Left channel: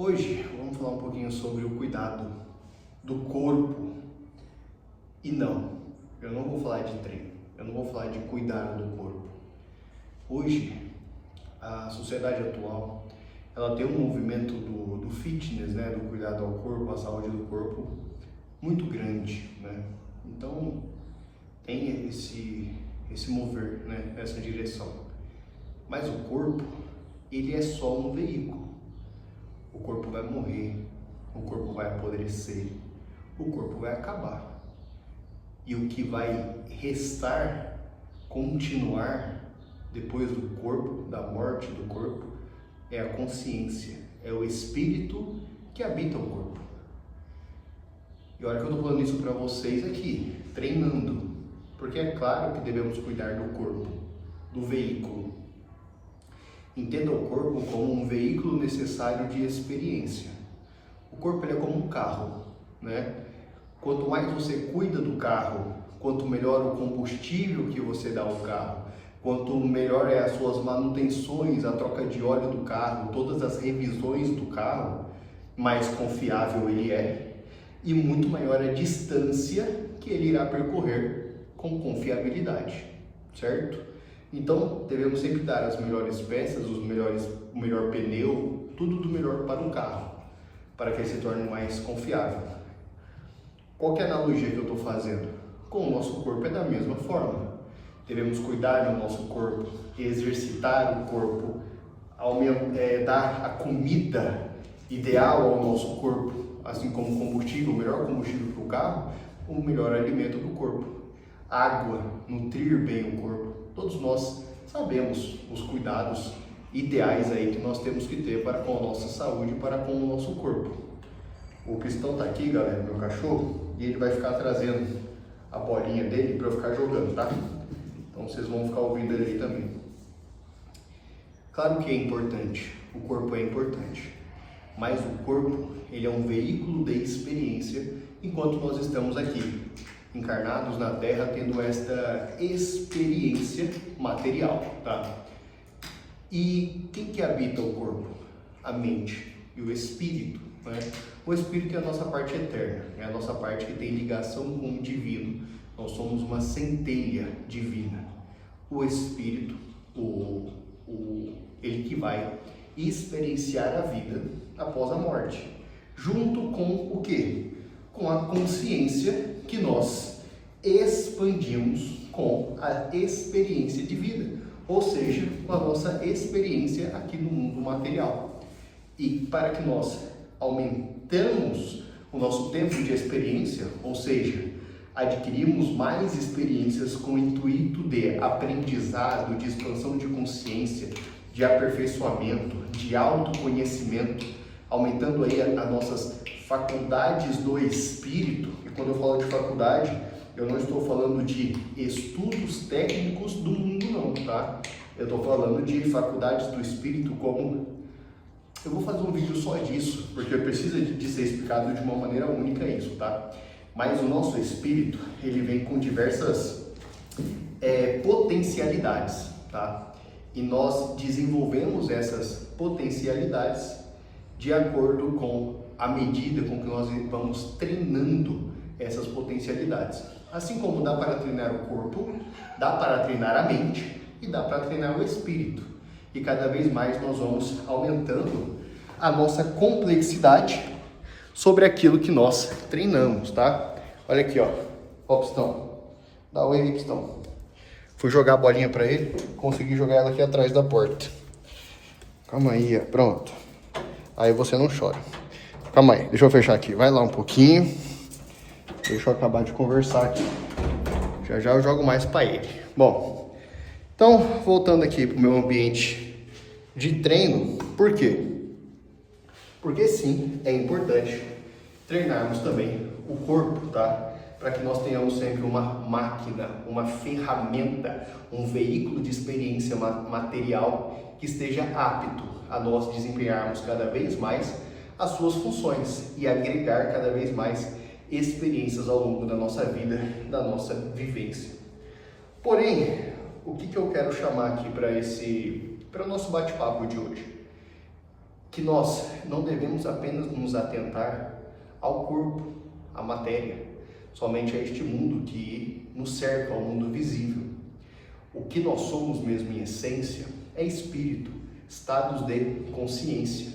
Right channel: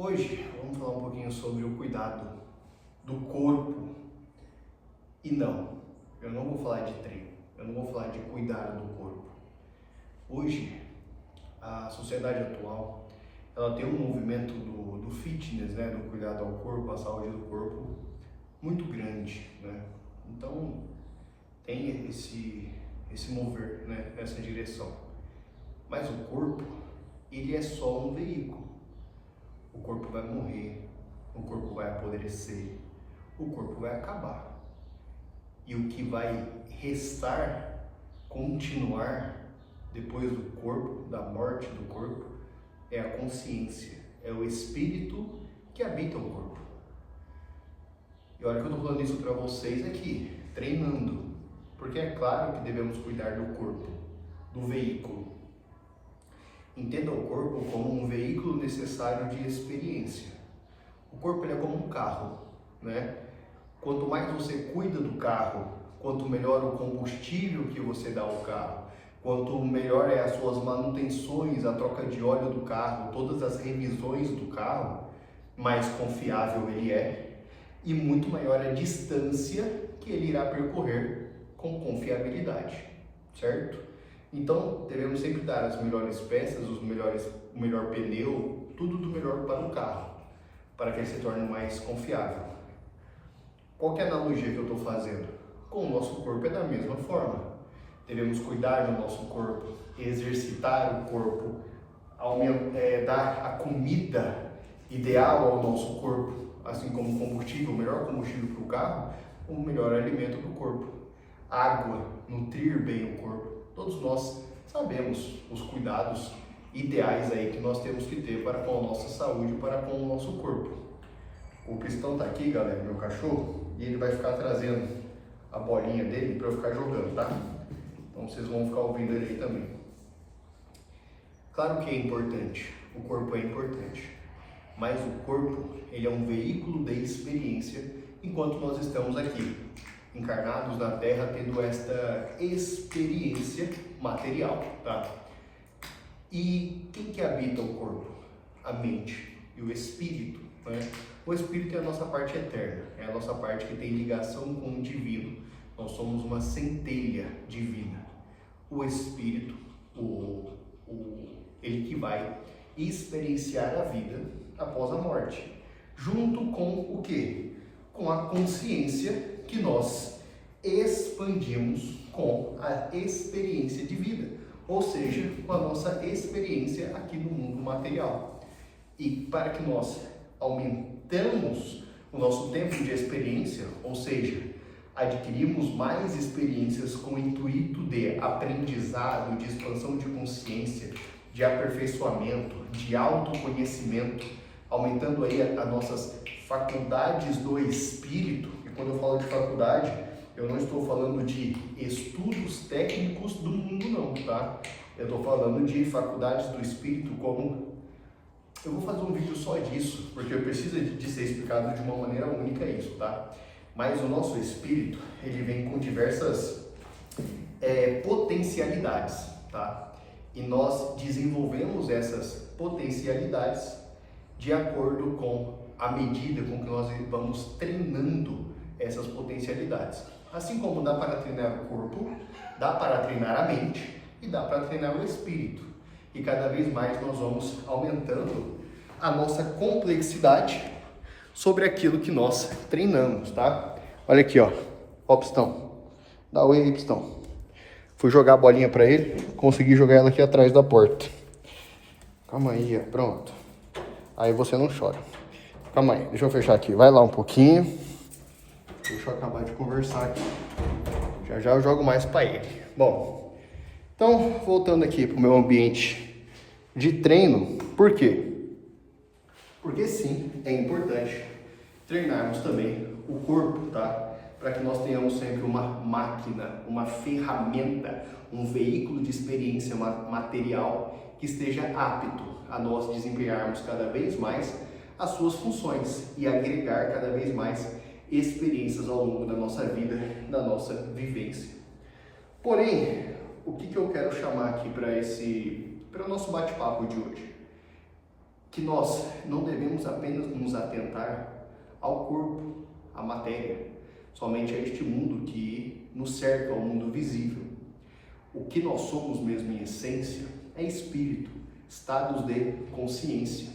Hoje vamos falar um pouquinho sobre o cuidado do corpo. E não, eu não vou falar de treino, eu não vou falar de cuidar do corpo. Hoje, a sociedade atual, ela tem um movimento do fitness, né, do cuidado ao corpo, à saúde do corpo, muito grande, né? Então, tem esse mover, né, nessa direção. Mas o corpo, ele é só um veículo. O corpo vai morrer, o corpo vai apodrecer, o corpo vai acabar. E o que vai restar, continuar depois do corpo, da morte do corpo, é a consciência, é o espírito que habita o corpo. E olha que eu estou falando isso para vocês aqui, treinando, porque é claro que devemos cuidar do corpo, do veículo. Entenda o corpo como um veículo necessário de experiência. O corpo ele é como um carro, né? Quanto mais você cuida do carro, quanto melhor o combustível que você dá ao carro, quanto melhor é as suas manutenções, a troca de óleo do carro, todas as revisões do carro, mais confiável ele é e muito maior a distância que ele irá percorrer com confiabilidade, certo? Então, devemos sempre dar as melhores peças, o melhor pneu, tudo do melhor para o carro, para que ele se torne mais confiável. Qual que é a analogia que eu estou fazendo? Com o nosso corpo é da mesma forma. Devemos cuidar do nosso corpo, exercitar o corpo, dar a comida ideal ao nosso corpo, assim como combustível, o melhor combustível para o carro, o melhor alimento do corpo. Água, nutrir bem o corpo. Todos nós sabemos os cuidados ideais aí que nós temos que ter para com a nossa saúde, para com o nosso corpo. O Cristão tá aqui, galera, meu cachorro, e ele vai ficar trazendo a bolinha dele para eu ficar jogando, tá? Então vocês vão ficar ouvindo ele aí também. Claro que é importante, o corpo é importante, mas o corpo ele é um veículo de experiência enquanto nós estamos aqui, encarnados na Terra, tendo esta experiência material, tá? E quem que habita o corpo? A mente e o espírito, né? O espírito é a nossa parte eterna, é a nossa parte que tem ligação com o divino. Nós somos uma centelha divina. O espírito, ele que vai experienciar a vida após a morte, junto com o quê? Com a consciência que nós expandimos com a experiência de vida, ou seja, com a nossa experiência aqui no mundo material. E para que nós aumentamos o nosso tempo de experiência, ou seja, adquirimos mais experiências com o intuito de aprendizado, de expansão de consciência, de aperfeiçoamento, de autoconhecimento, aumentando aí as nossas faculdades do espírito. E quando eu falo de faculdade, eu não estou falando de estudos técnicos do mundo não, tá? Eu estou falando de faculdades do espírito como... Eu vou fazer um vídeo só disso, porque precisa de ser explicado de uma maneira única isso, tá? Mas o nosso espírito, ele vem com diversas potencialidades, tá? E nós desenvolvemos essas potencialidades de acordo com a medida com que nós vamos treinando essas potencialidades. Assim como dá para treinar o corpo, dá para treinar a mente e dá para treinar o espírito. E cada vez mais nós vamos aumentando a nossa complexidade sobre aquilo que nós treinamos, tá? Olha aqui, ó, Pistão. Dá oi aí, Pistão. Fui jogar a bolinha para ele, consegui jogar ela aqui atrás da porta. Calma aí, ó, pronto. Aí você não chora. Calma aí, deixa eu fechar aqui. Vai lá um pouquinho. Deixa eu acabar de conversar aqui. Já já eu jogo mais para ele. Bom, então, voltando aqui para o meu ambiente de treino. Por quê? Porque sim, é importante treinarmos também o corpo, tá? Para que nós tenhamos sempre uma máquina, uma ferramenta, um veículo de experiência material que esteja apto a nós desempenharmos cada vez mais as suas funções e agregar cada vez mais experiências ao longo da nossa vida, da nossa vivência. Porém, o que eu quero chamar aqui para o nosso bate-papo de hoje? que nós não devemos apenas nos atentar ao corpo, à matéria, somente a este mundo que nos cerca, ao mundo visível. O que nós somos mesmo em essência é espírito, estados de consciência.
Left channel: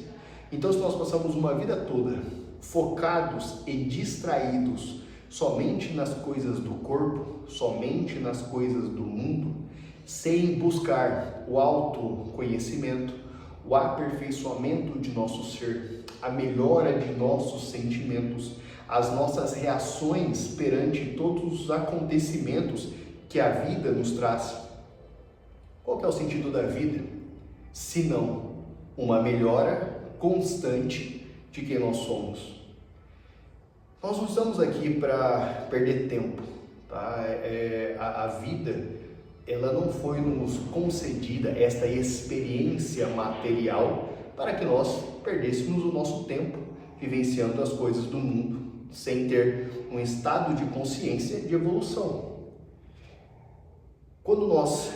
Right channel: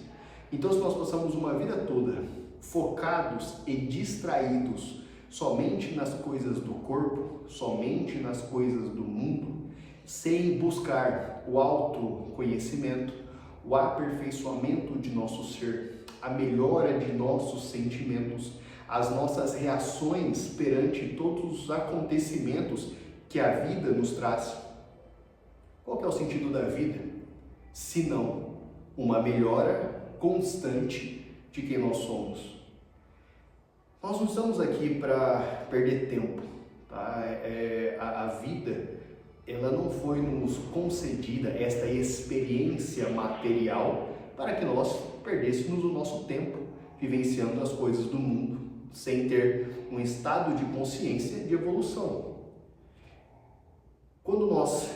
Então, se nós passamos uma vida toda focados e distraídos somente nas coisas do corpo, somente nas coisas do mundo, sem buscar o autoconhecimento, o aperfeiçoamento de nosso ser, a melhora de nossos sentimentos, as nossas reações perante todos os acontecimentos que a vida nos traz. Qual que é o sentido da vida? Se não uma melhora constante de quem nós somos. Nós não estamos aqui para perder tempo, tá? A vida, ela não foi nos concedida, esta experiência material, para que nós perdêssemos o nosso tempo vivenciando as coisas do mundo, sem ter um estado de consciência de evolução. Quando nós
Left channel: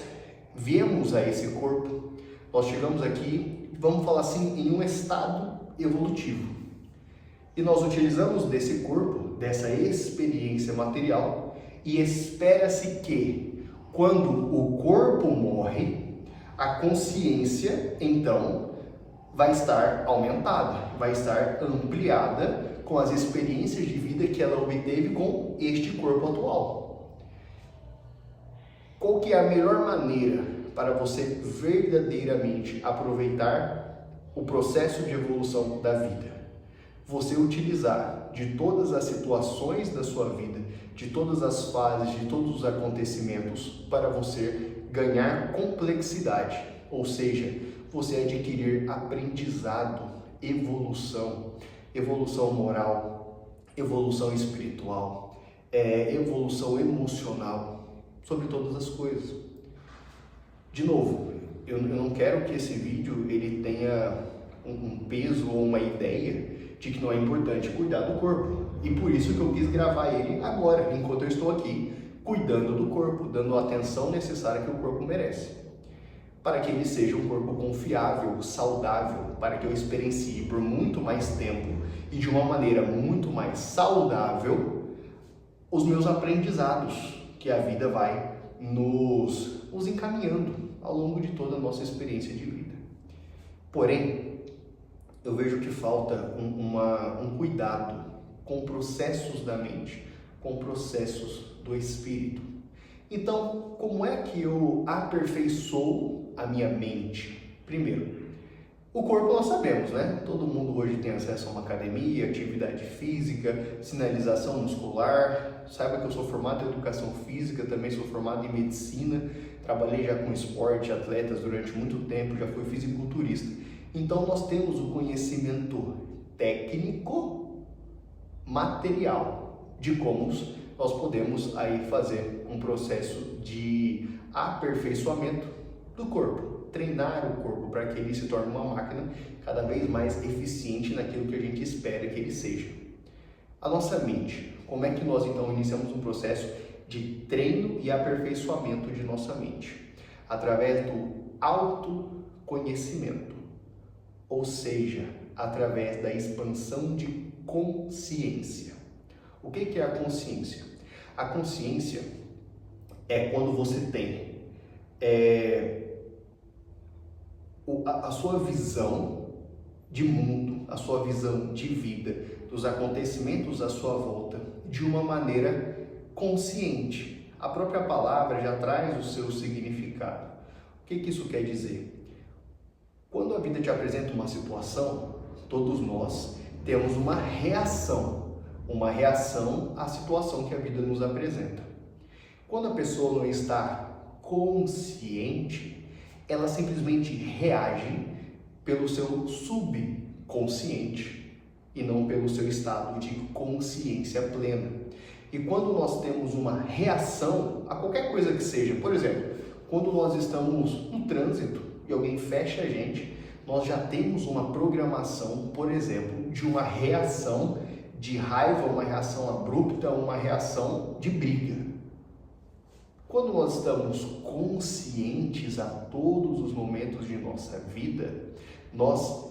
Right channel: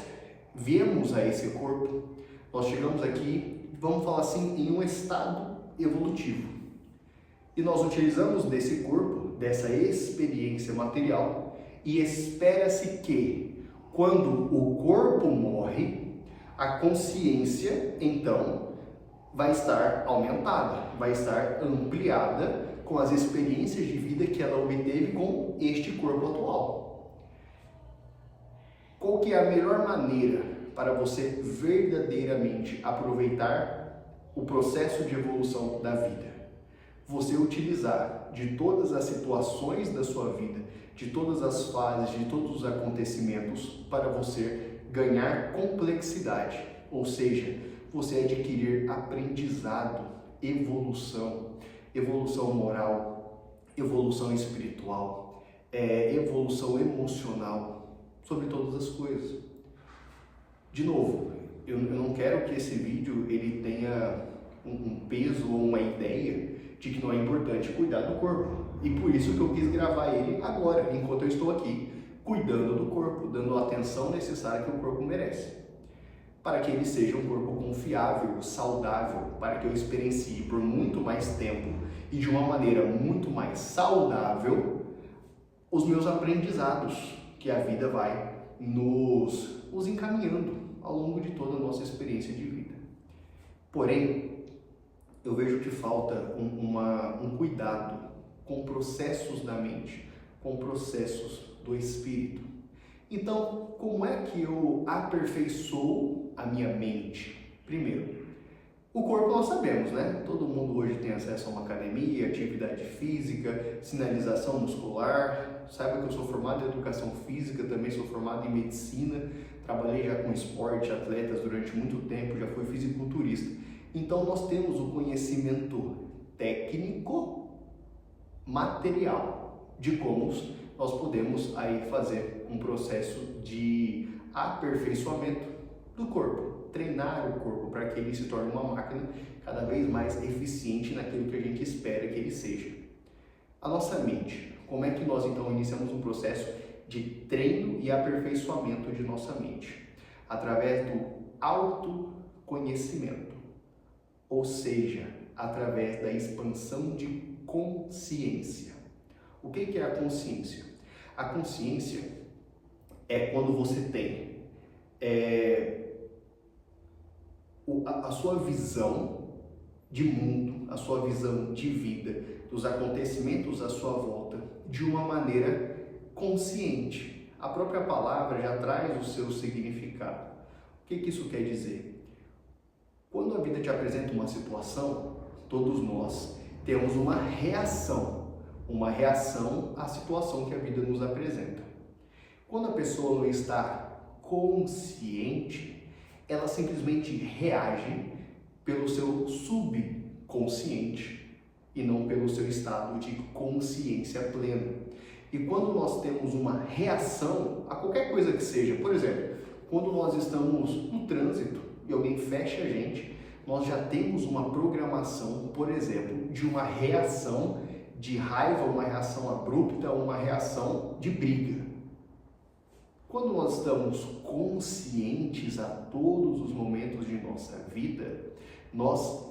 viemos a esse corpo, nós chegamos aqui, vamos falar assim, em um estado evolutivo. E nós utilizamos desse corpo, dessa experiência material, e espera-se que, quando o corpo morre, a consciência, então, vai estar aumentada, vai estar ampliada com as experiências de vida que ela obteve com este corpo atual. Qual que é a melhor maneira para você verdadeiramente aproveitar o processo de evolução da vida? Você utilizar de todas as situações da sua vida, de todas as fases, de todos os acontecimentos, para você ganhar complexidade, ou seja, você adquirir aprendizado, evolução moral, evolução espiritual, evolução emocional, sobre todas as coisas. De novo, eu não quero que esse vídeo ele tenha um peso ou uma ideia de que não é importante cuidar do corpo. E por isso que eu quis gravar ele agora, enquanto eu estou aqui, cuidando do corpo, dando a atenção necessária que o corpo merece. Para que ele seja um corpo confiável, saudável, para que eu experiencie por muito mais tempo e de uma maneira muito mais saudável os meus aprendizados que a vida vai nos encaminhando ao longo de toda a nossa experiência de vida. Porém, eu vejo que falta um cuidado com processos da mente, com processos do espírito. Então, como é que eu aperfeiçoo a minha mente? Primeiro, o corpo nós sabemos, né? Todo mundo hoje tem acesso a uma academia, atividade física, sinalização muscular. Saiba que eu sou formado em educação física, também sou formado em medicina, trabalhei já com esporte, atletas durante muito tempo, já fui fisiculturista. Então nós temos o conhecimento técnico, material, de como nós podemos aí fazer um processo de aperfeiçoamento do corpo, treinar o corpo para que ele se torne uma máquina cada vez mais eficiente naquilo que a gente espera que ele seja. A nossa mente, como é que nós então iniciamos um processo de treino e aperfeiçoamento de nossa mente? Através do autoconhecimento, ou seja, através da expansão de consciência. O que é a consciência? A consciência é quando você tem a sua visão de mundo, a sua visão de vida, dos acontecimentos à sua volta, de uma maneira consciente. A própria palavra já traz o seu significado. O que isso quer dizer? Quando a vida te apresenta uma situação, todos nós temos uma reação à situação que a vida nos apresenta. Quando a pessoa não está consciente, ela simplesmente reage pelo seu subconsciente e não pelo seu estado de consciência plena. E quando nós temos uma reação a qualquer coisa que seja, por exemplo, quando nós estamos no trânsito e alguém fecha a gente, nós já temos uma programação, por exemplo, de uma reação de raiva, uma reação abrupta, uma reação de briga. Quando nós estamos conscientes a todos os momentos de nossa vida, nós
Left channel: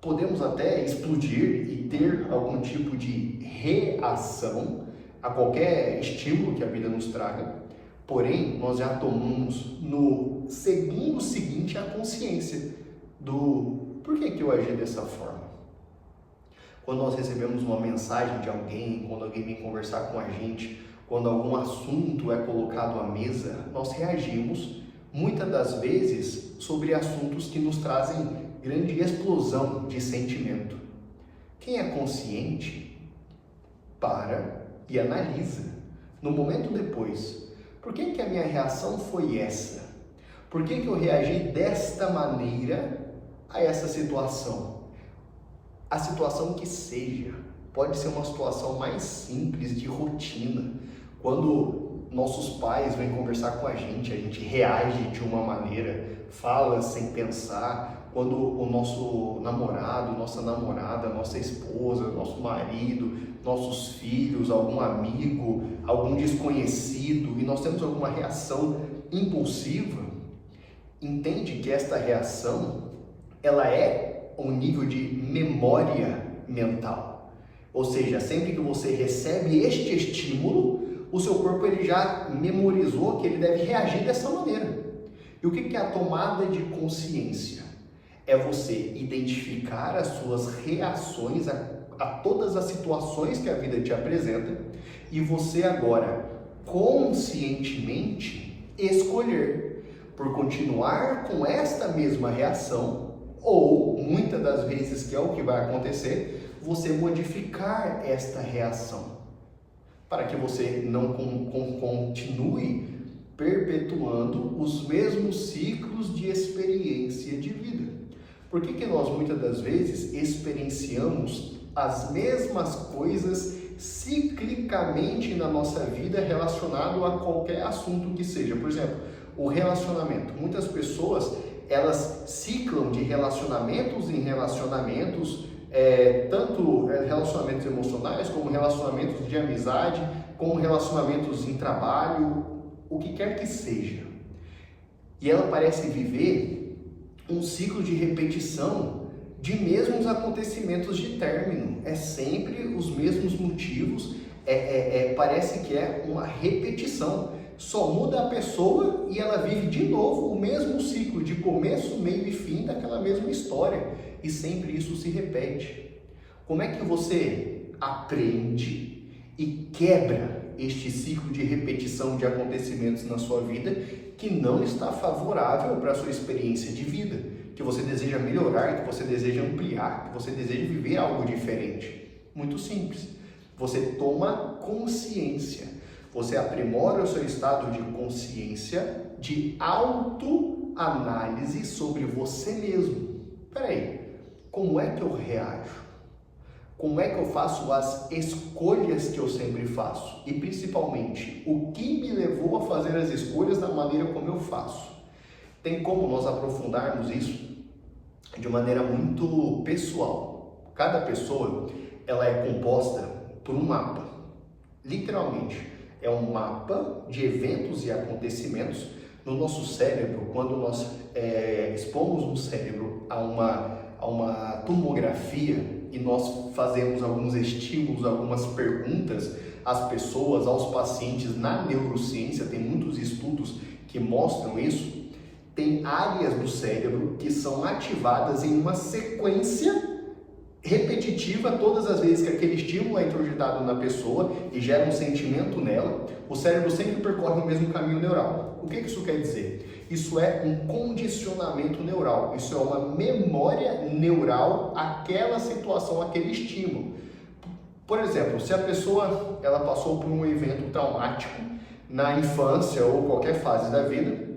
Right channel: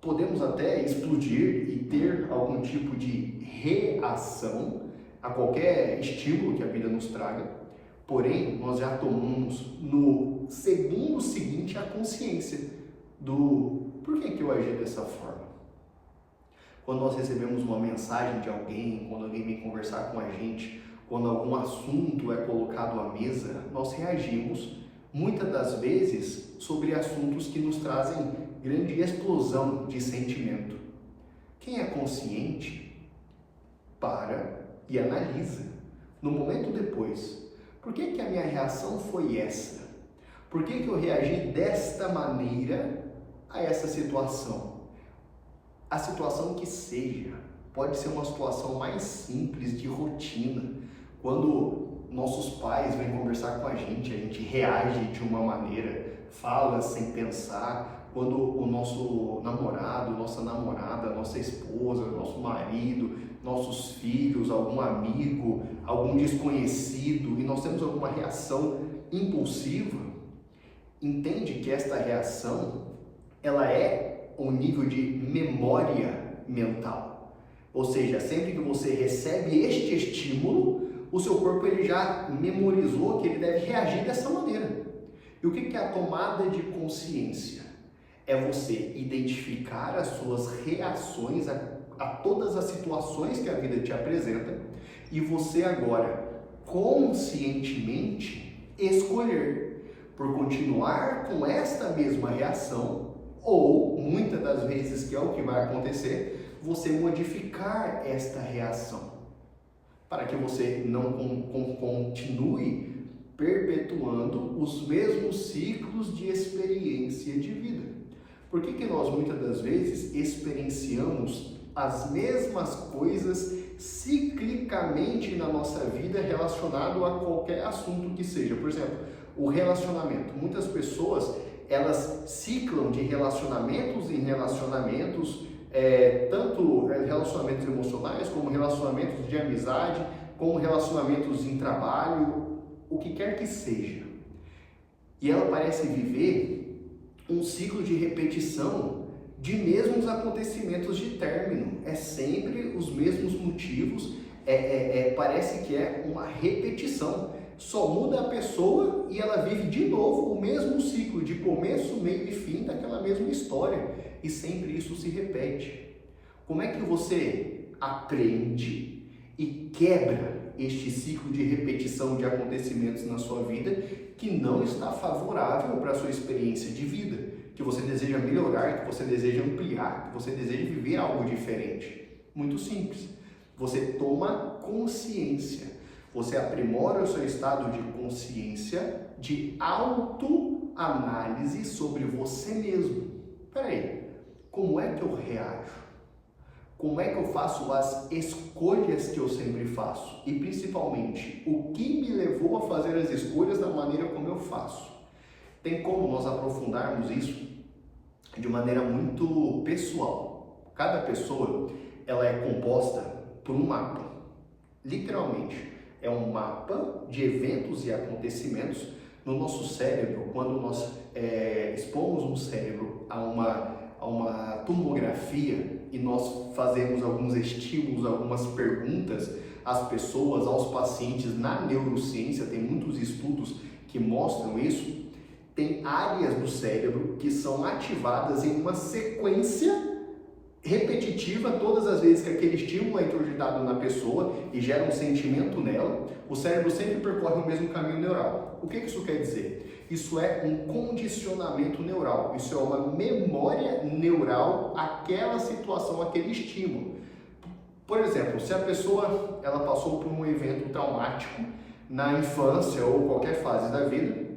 podemos até explodir e ter algum tipo de reação a qualquer estímulo que a vida nos traga, porém, nós já tomamos no segundo seguinte a consciência do por que eu agi dessa forma. Quando nós recebemos uma mensagem de alguém, quando alguém vem conversar com a gente, quando algum assunto é colocado à mesa, nós reagimos muitas das vezes sobre assuntos que nos trazem grande explosão de sentimento. Quem é consciente para e analisa no momento depois, por que a minha reação foi essa? Por que eu reagi desta maneira a essa situação? A situação que seja, pode ser uma situação mais simples de rotina. Quando nossos pais vêm conversar com a gente reage de uma maneira, fala sem pensar. Quando o nosso namorado, nossa namorada, nossa esposa, nosso marido, nossos filhos, algum amigo, algum desconhecido, e nós temos alguma reação impulsiva, entende que esta reação, ela é um nível de memória mental. Ou seja, sempre que você recebe este estímulo, o seu corpo ele já memorizou que ele deve reagir dessa maneira. E o que é a tomada de consciência? É você identificar as suas reações a todas as situações que a vida te apresenta e você agora conscientemente escolher por continuar com esta mesma reação ou, muitas das vezes, que é o que vai acontecer, você modificar esta reação para que você não continue perpetuando os mesmos ciclos de experiência de vida. Por que nós muitas das vezes experienciamos as mesmas coisas ciclicamente na nossa vida relacionado a qualquer assunto que seja? Por exemplo, o relacionamento. Muitas pessoas, elas ciclam de relacionamentos em relacionamentos, tanto relacionamentos emocionais, como relacionamentos de amizade, como relacionamentos em trabalho, o que quer que seja. E ela parece viver um ciclo de repetição de mesmos acontecimentos de término. É sempre os mesmos motivos, parece que é uma repetição. Só muda a pessoa e ela vive de novo o mesmo ciclo de começo, meio e fim daquela mesma história. E sempre isso se repete. Como é que você aprende e quebra este ciclo de repetição de acontecimentos na sua vida que não está favorável para a sua experiência de vida, que você deseja melhorar, que você deseja ampliar, que você deseja viver algo diferente? Muito simples. Você toma consciência. Você aprimora o seu estado de consciência, de autoanálise sobre você mesmo. Peraí, como é que eu reajo? Como é que eu faço as escolhas que eu sempre faço? E principalmente, o que me levou a fazer as escolhas da maneira como eu faço? Tem como nós aprofundarmos isso de maneira muito pessoal. Cada pessoa, ela é composta por um mapa. Literalmente, é um mapa de eventos e acontecimentos no nosso cérebro. Quando nós expomos o cérebro a uma tomografia e nós fazemos alguns estímulos, algumas perguntas às pessoas, aos pacientes na neurociência, tem muitos estudos que mostram isso, tem áreas do cérebro que são ativadas em uma sequência repetitiva. Todas as vezes que aquele estímulo é introjetado na pessoa e gera um sentimento nela, o cérebro sempre percorre o mesmo caminho neural. O que isso quer dizer? Isso é um condicionamento neural, isso é uma memória neural àquela situação, aquele estímulo. Por exemplo, se a pessoa ela passou por um evento traumático na infância ou qualquer fase da vida,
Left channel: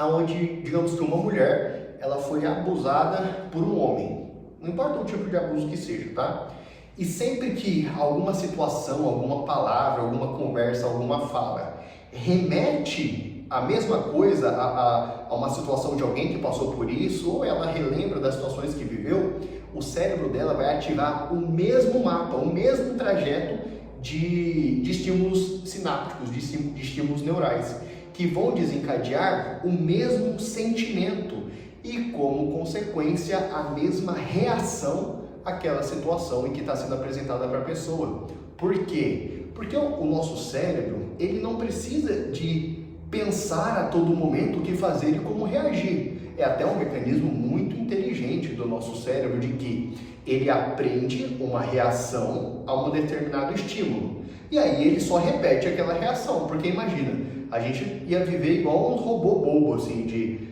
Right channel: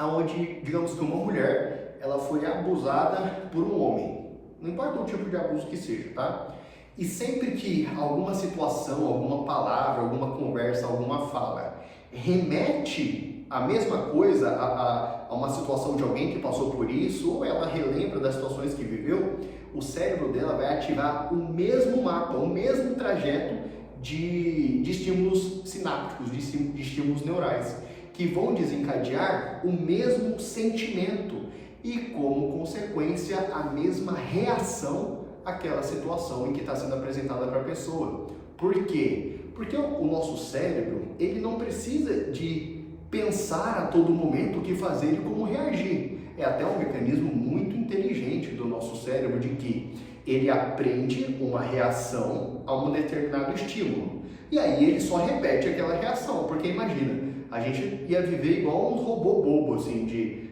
onde, digamos que uma mulher ela foi abusada por um homem, não importa o tipo de abuso que seja, tá? E sempre que alguma situação, alguma palavra, alguma conversa, alguma fala remete a mesma coisa a uma situação de alguém que passou por isso, ou ela relembra das situações que viveu, o cérebro dela vai ativar o mesmo mapa, o mesmo trajeto de estímulos sinápticos, de estímulos neurais, que vão desencadear o mesmo sentimento. e, como consequência, a mesma reação àquela situação em que está sendo apresentada para a pessoa. Por quê? Porque o nosso cérebro, ele não precisa de pensar a todo momento o que fazer e como reagir. É até um mecanismo muito inteligente do nosso cérebro, de que ele aprende uma reação a um determinado estímulo. E aí ele só repete aquela reação, porque imagina, a gente ia viver igual um robô bobo, assim, de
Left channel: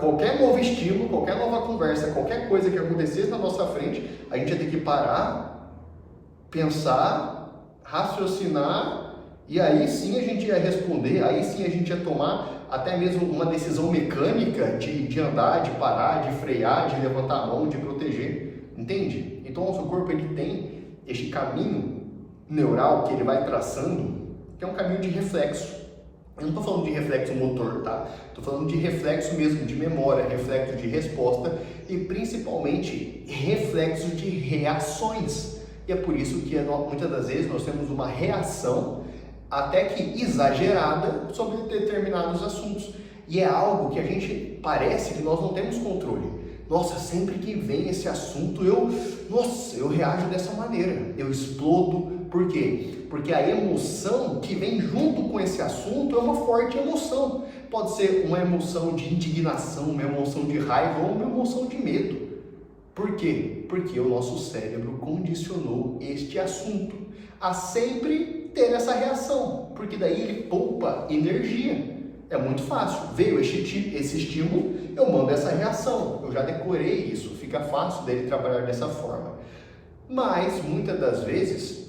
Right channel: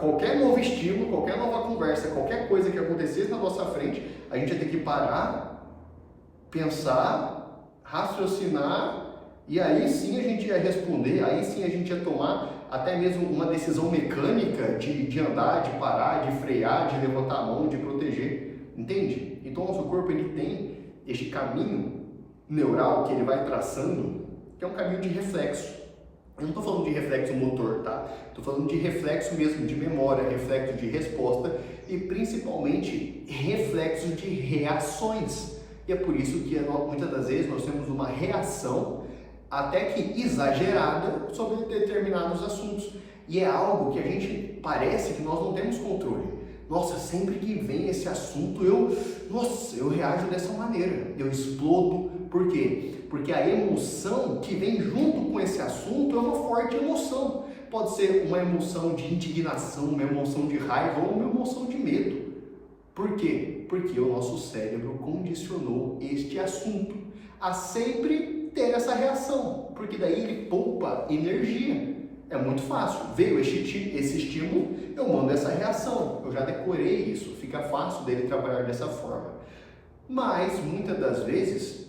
qualquer novo estímulo, qualquer nova conversa, qualquer coisa que acontecesse na nossa frente, a gente ia ter que parar, pensar, raciocinar, e aí sim a gente ia responder, aí sim a gente ia tomar até mesmo uma decisão mecânica de andar, de parar, de frear, de levantar a mão, de proteger, entende? Então o nosso corpo, ele tem este caminho neural que ele vai traçando, que é um caminho de reflexo. Eu não estou falando de reflexo motor, tá? Estou falando de reflexo mesmo, de memória, reflexo de resposta e principalmente reflexo de reações. E é por isso que muitas das vezes nós temos uma reação até que exagerada sobre determinados assuntos. E é algo que a gente parece que nós não temos controle. Nossa, sempre que vem esse assunto, eu reajo dessa maneira, eu explodo. Por quê? Porque a emoção que vem junto com esse assunto é uma forte emoção. Pode ser uma emoção de indignação, uma emoção de raiva ou uma emoção de medo. Por quê? Porque o nosso cérebro condicionou este assunto a sempre ter essa reação, porque daí ele poupa energia. É muito fácil, veio esse estímulo, eu mando essa reação, eu já decorei isso, fica fácil dele trabalhar dessa forma. Mas, muitas das vezes,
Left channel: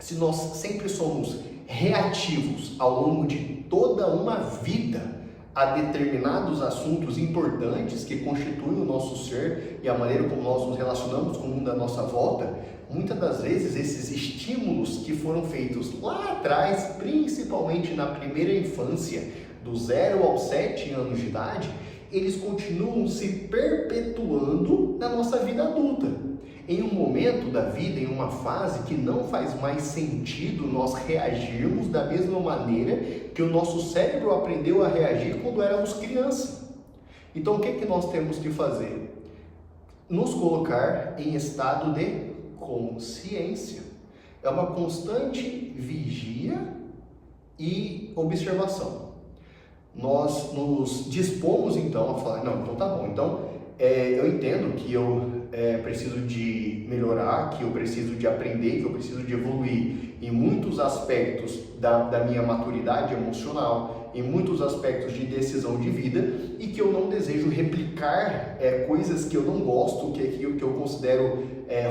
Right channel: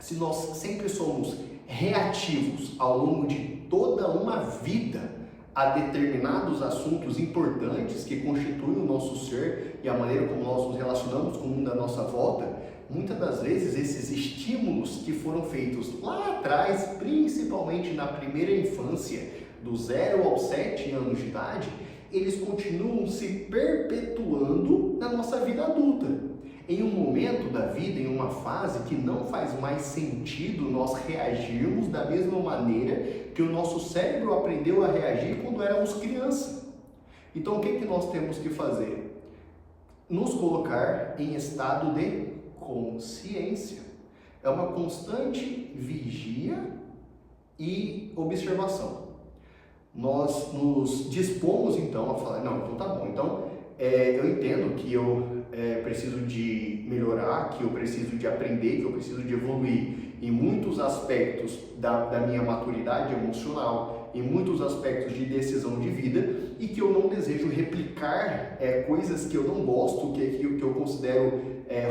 se nós sempre somos reativos ao longo de toda uma vida a determinados assuntos importantes que constituem o nosso ser e a maneira como nós nos relacionamos com o mundo à nossa volta, muitas das vezes esses estímulos que foram feitos lá atrás, principalmente na primeira infância, do 0 aos 7 anos de idade, eles continuam se perpetuando na nossa vida adulta. Em um momento da vida, em uma fase que não faz mais sentido nós reagirmos da mesma maneira que o nosso cérebro aprendeu a reagir quando éramos criança. Então, o que nós temos que fazer? Nos colocar em estado de consciência. É uma constante vigia e observação. Nós nos dispomos então a falar, não, então tá bom, então eu entendo que eu preciso de melhorar, que eu preciso de aprender, que eu preciso de evoluir em muitos aspectos da minha maturidade emocional, em muitos aspectos de decisão de vida, e que eu não desejo replicar coisas que eu não gosto, que eu considero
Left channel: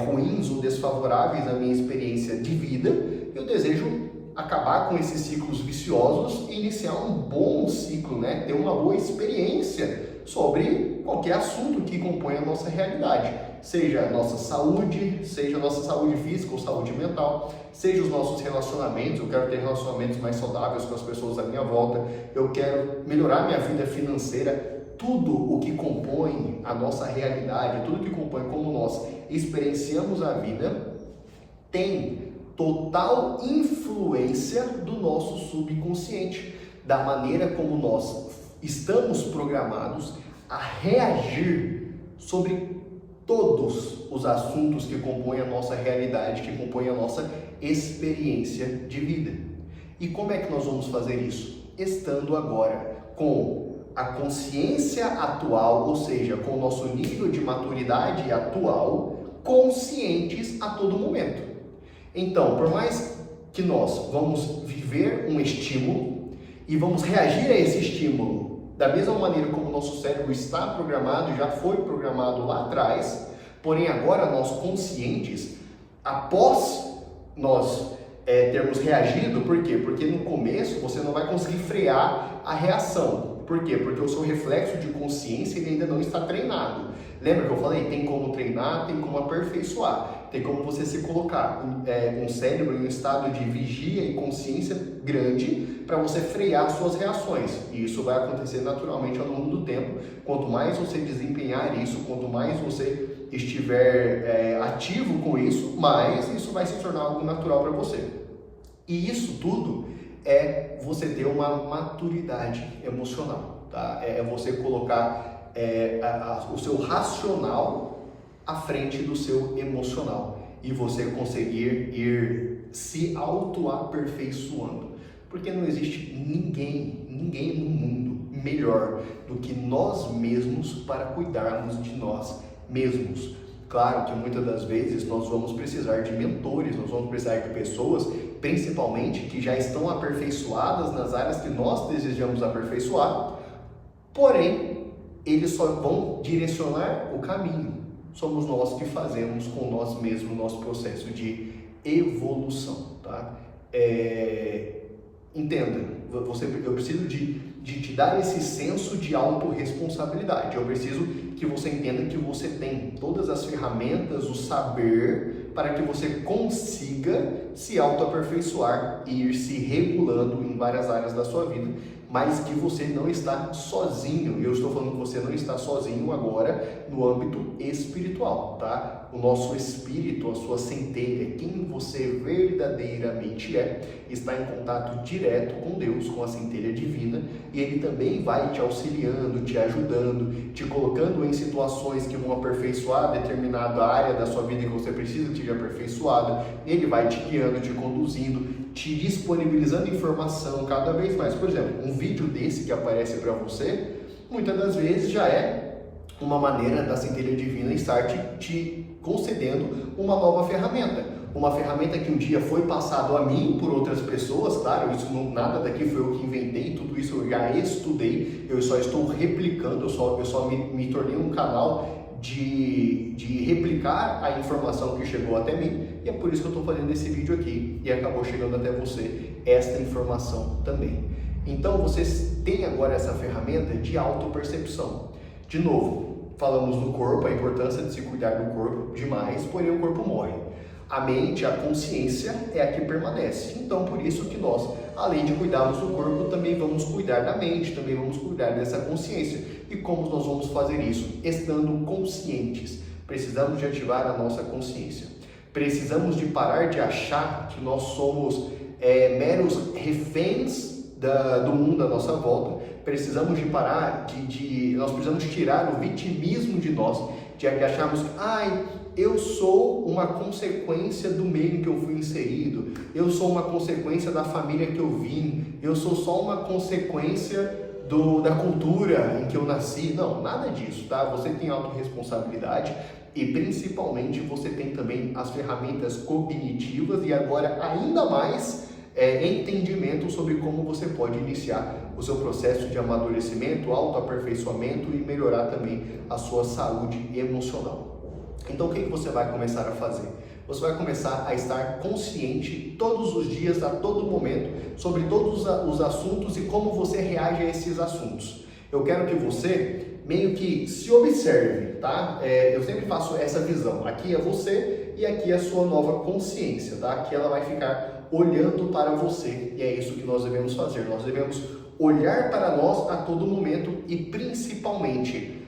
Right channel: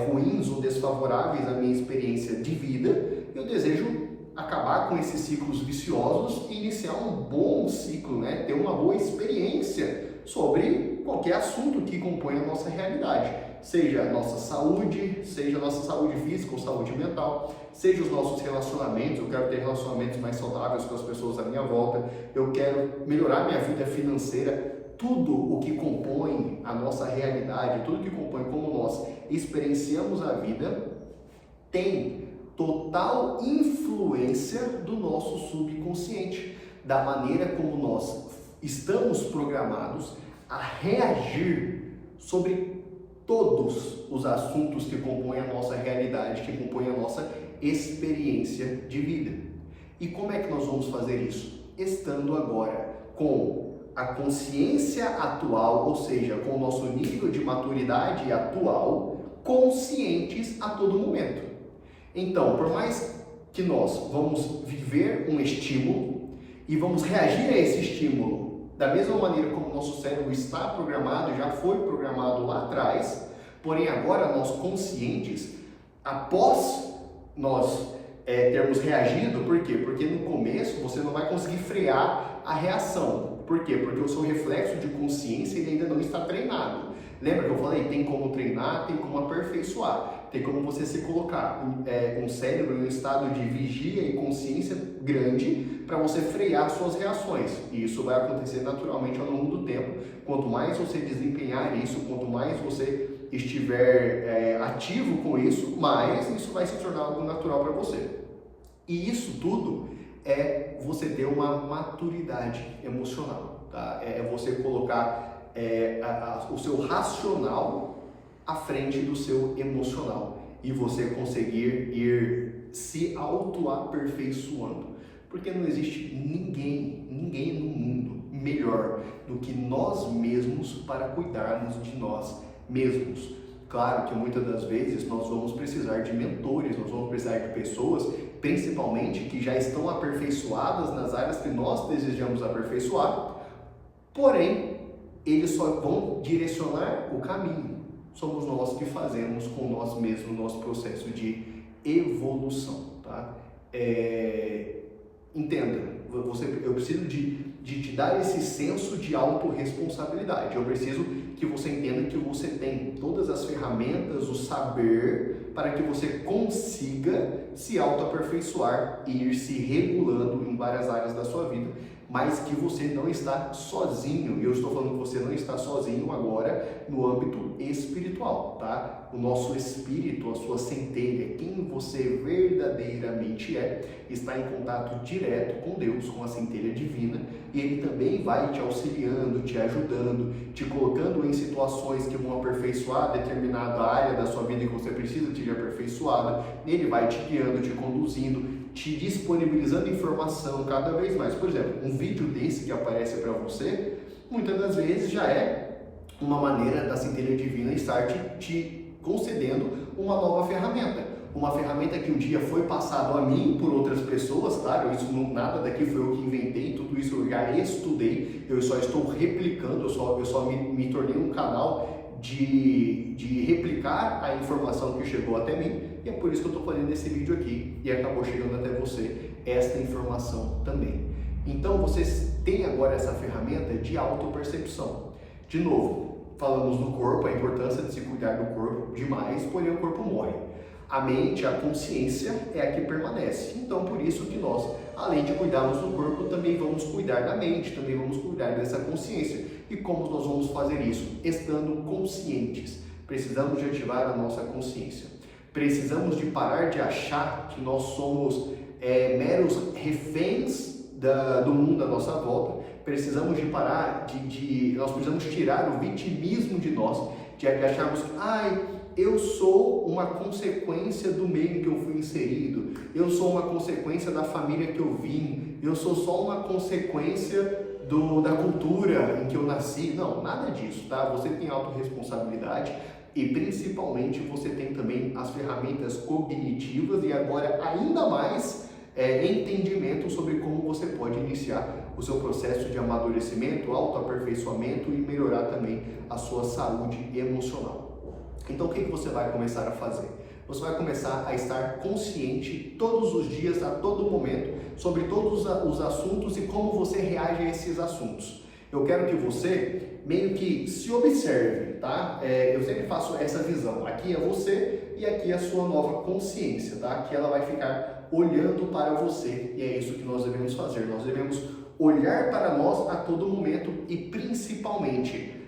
ruins ou desfavoráveis à minha experiência de vida. Eu desejo acabar com esses ciclos viciosos e iniciar um bom ciclo, né? Ter uma boa experiência sobre qualquer assunto que compõe a nossa realidade, seja a nossa saúde física ou saúde mental, seja os nossos relacionamentos. Eu quero ter relacionamentos mais saudáveis com as pessoas à minha volta, eu quero melhorar minha vida financeira. Tudo o que compõe a nossa realidade, tudo que compõe como nós experienciamos a vida, tem total influência do nosso subconsciente, da maneira como nós estamos programados a reagir sobre todos os assuntos que compõem a nossa realidade, que compõem a nossa experiência de vida. E como é que nós vamos fazer isso? Estando agora com a consciência atual, ou seja, com o nosso nível de maturidade atual, conscientes a todo momento. Então, por mais que nós vamos viver um estímulo e vamos reagir a esse estímulo da mesma maneira como o nosso cérebro está programado, já foi programado lá atrás, porém agora nós conscientes, após nós termos reagido, por quê? Porque no começo você não vai conseguir frear a reação. Por quê? Porque o seu reflexo de consciência ele ainda não está treinado. Lembra que eu falei? Tem como treinar, tem como aperfeiçoar. Tem como você se colocar um cérebro em um estado de vigia e consciência grande para você frear suas reações. E isso vai acontecer naturalmente ao longo do tempo. Quanto mais você desempenhar isso, quanto mais você estiver ativo com isso, mais isso vai se tornar algo natural para você. E isso tudo é você ter uma maturidade emocional, tá? É você colocar o seu racional à frente do seu emocional e você conseguir ir se auto-aperfeiçoando. Porque não existe ninguém no mundo melhor do que nós mesmos para cuidarmos de nós mesmos. Claro que muitas das vezes nós vamos precisar de mentores, nós vamos precisar de pessoas, principalmente que já estão aperfeiçoadas nas áreas que nós desejamos aperfeiçoar, porém, eles só vão direcionar o caminho. Somos nós que fazemos com nós mesmos o nosso processo de evolução, tá? Entenda, eu preciso de te dar esse senso de autorresponsabilidade. Eu preciso que você entenda que você tem todas as ferramentas, o saber, para que você consiga se autoaperfeiçoar e ir se regulando em várias áreas da sua vida, mas que você não está sozinho. Eu estou falando que você não está sozinho agora no âmbito espiritual, tá? O nosso espírito, a sua centelha, quem você verdadeiramente é, está em contato direto com Deus, com a centelha divina, e ele também vai te auxiliando, te ajudando, te colocando em situações que vão aperfeiçoar determinada área da sua vida que você precisa que seja aperfeiçoado. Ele vai te guiando, te conduzindo, te disponibilizando informação cada vez mais. Por exemplo, um vídeo desse que aparece para você, muitas das vezes já é uma maneira da centelha divina estar te concedendo uma nova ferramenta. Uma ferramenta que um dia foi passado a mim por outras pessoas, claro, isso nada daqui foi eu que inventei, tudo isso eu já estudei, eu só estou replicando, eu só me tornei um canal de replicar a informação que chegou até mim, e é por isso que eu estou fazendo esse vídeo aqui, e acabou chegando até você esta informação também. Então, vocês têm agora essa ferramenta de autopercepção. De novo, falamos do corpo, a importância de se cuidar do corpo demais, porém o corpo morre. A mente, a consciência é a que permanece. Então, por isso que nós, além de cuidarmos do corpo, também vamos cuidar da mente, também vamos cuidar dessa consciência. E como nós vamos fazer isso? Estando conscientes. Precisamos de ativar a nossa consciência. Precisamos de parar de achar que nós somos meros reféns do mundo à nossa volta. Precisamos de parar nós precisamos tirar o vitimismo de nós, de acharmos que eu sou uma consequência do meio em que eu fui inserido, eu sou uma consequência da família que eu vim, eu sou só uma consequência da cultura em que eu nasci. Não, nada disso, tá? Você tem autorresponsabilidade e principalmente você tem também as ferramentas cognitivas e agora ainda mais entendimento sobre como você pode iniciar o seu processo de amadurecimento, autoaperfeiçoamento e melhorar também a sua saúde emocional. Então, o que você vai começar a fazer? Você vai começar a estar consciente todos os dias, a todo momento, sobre todos os assuntos e como você reage a esses assuntos. Eu quero que você meio que se observe, tá? Eu sempre faço essa visão. Aqui é você e aqui é a sua nova consciência, tá? Aqui ela vai ficar olhando para você e é isso que nós devemos fazer. Nós devemos olhar para nós a todo momento e principalmente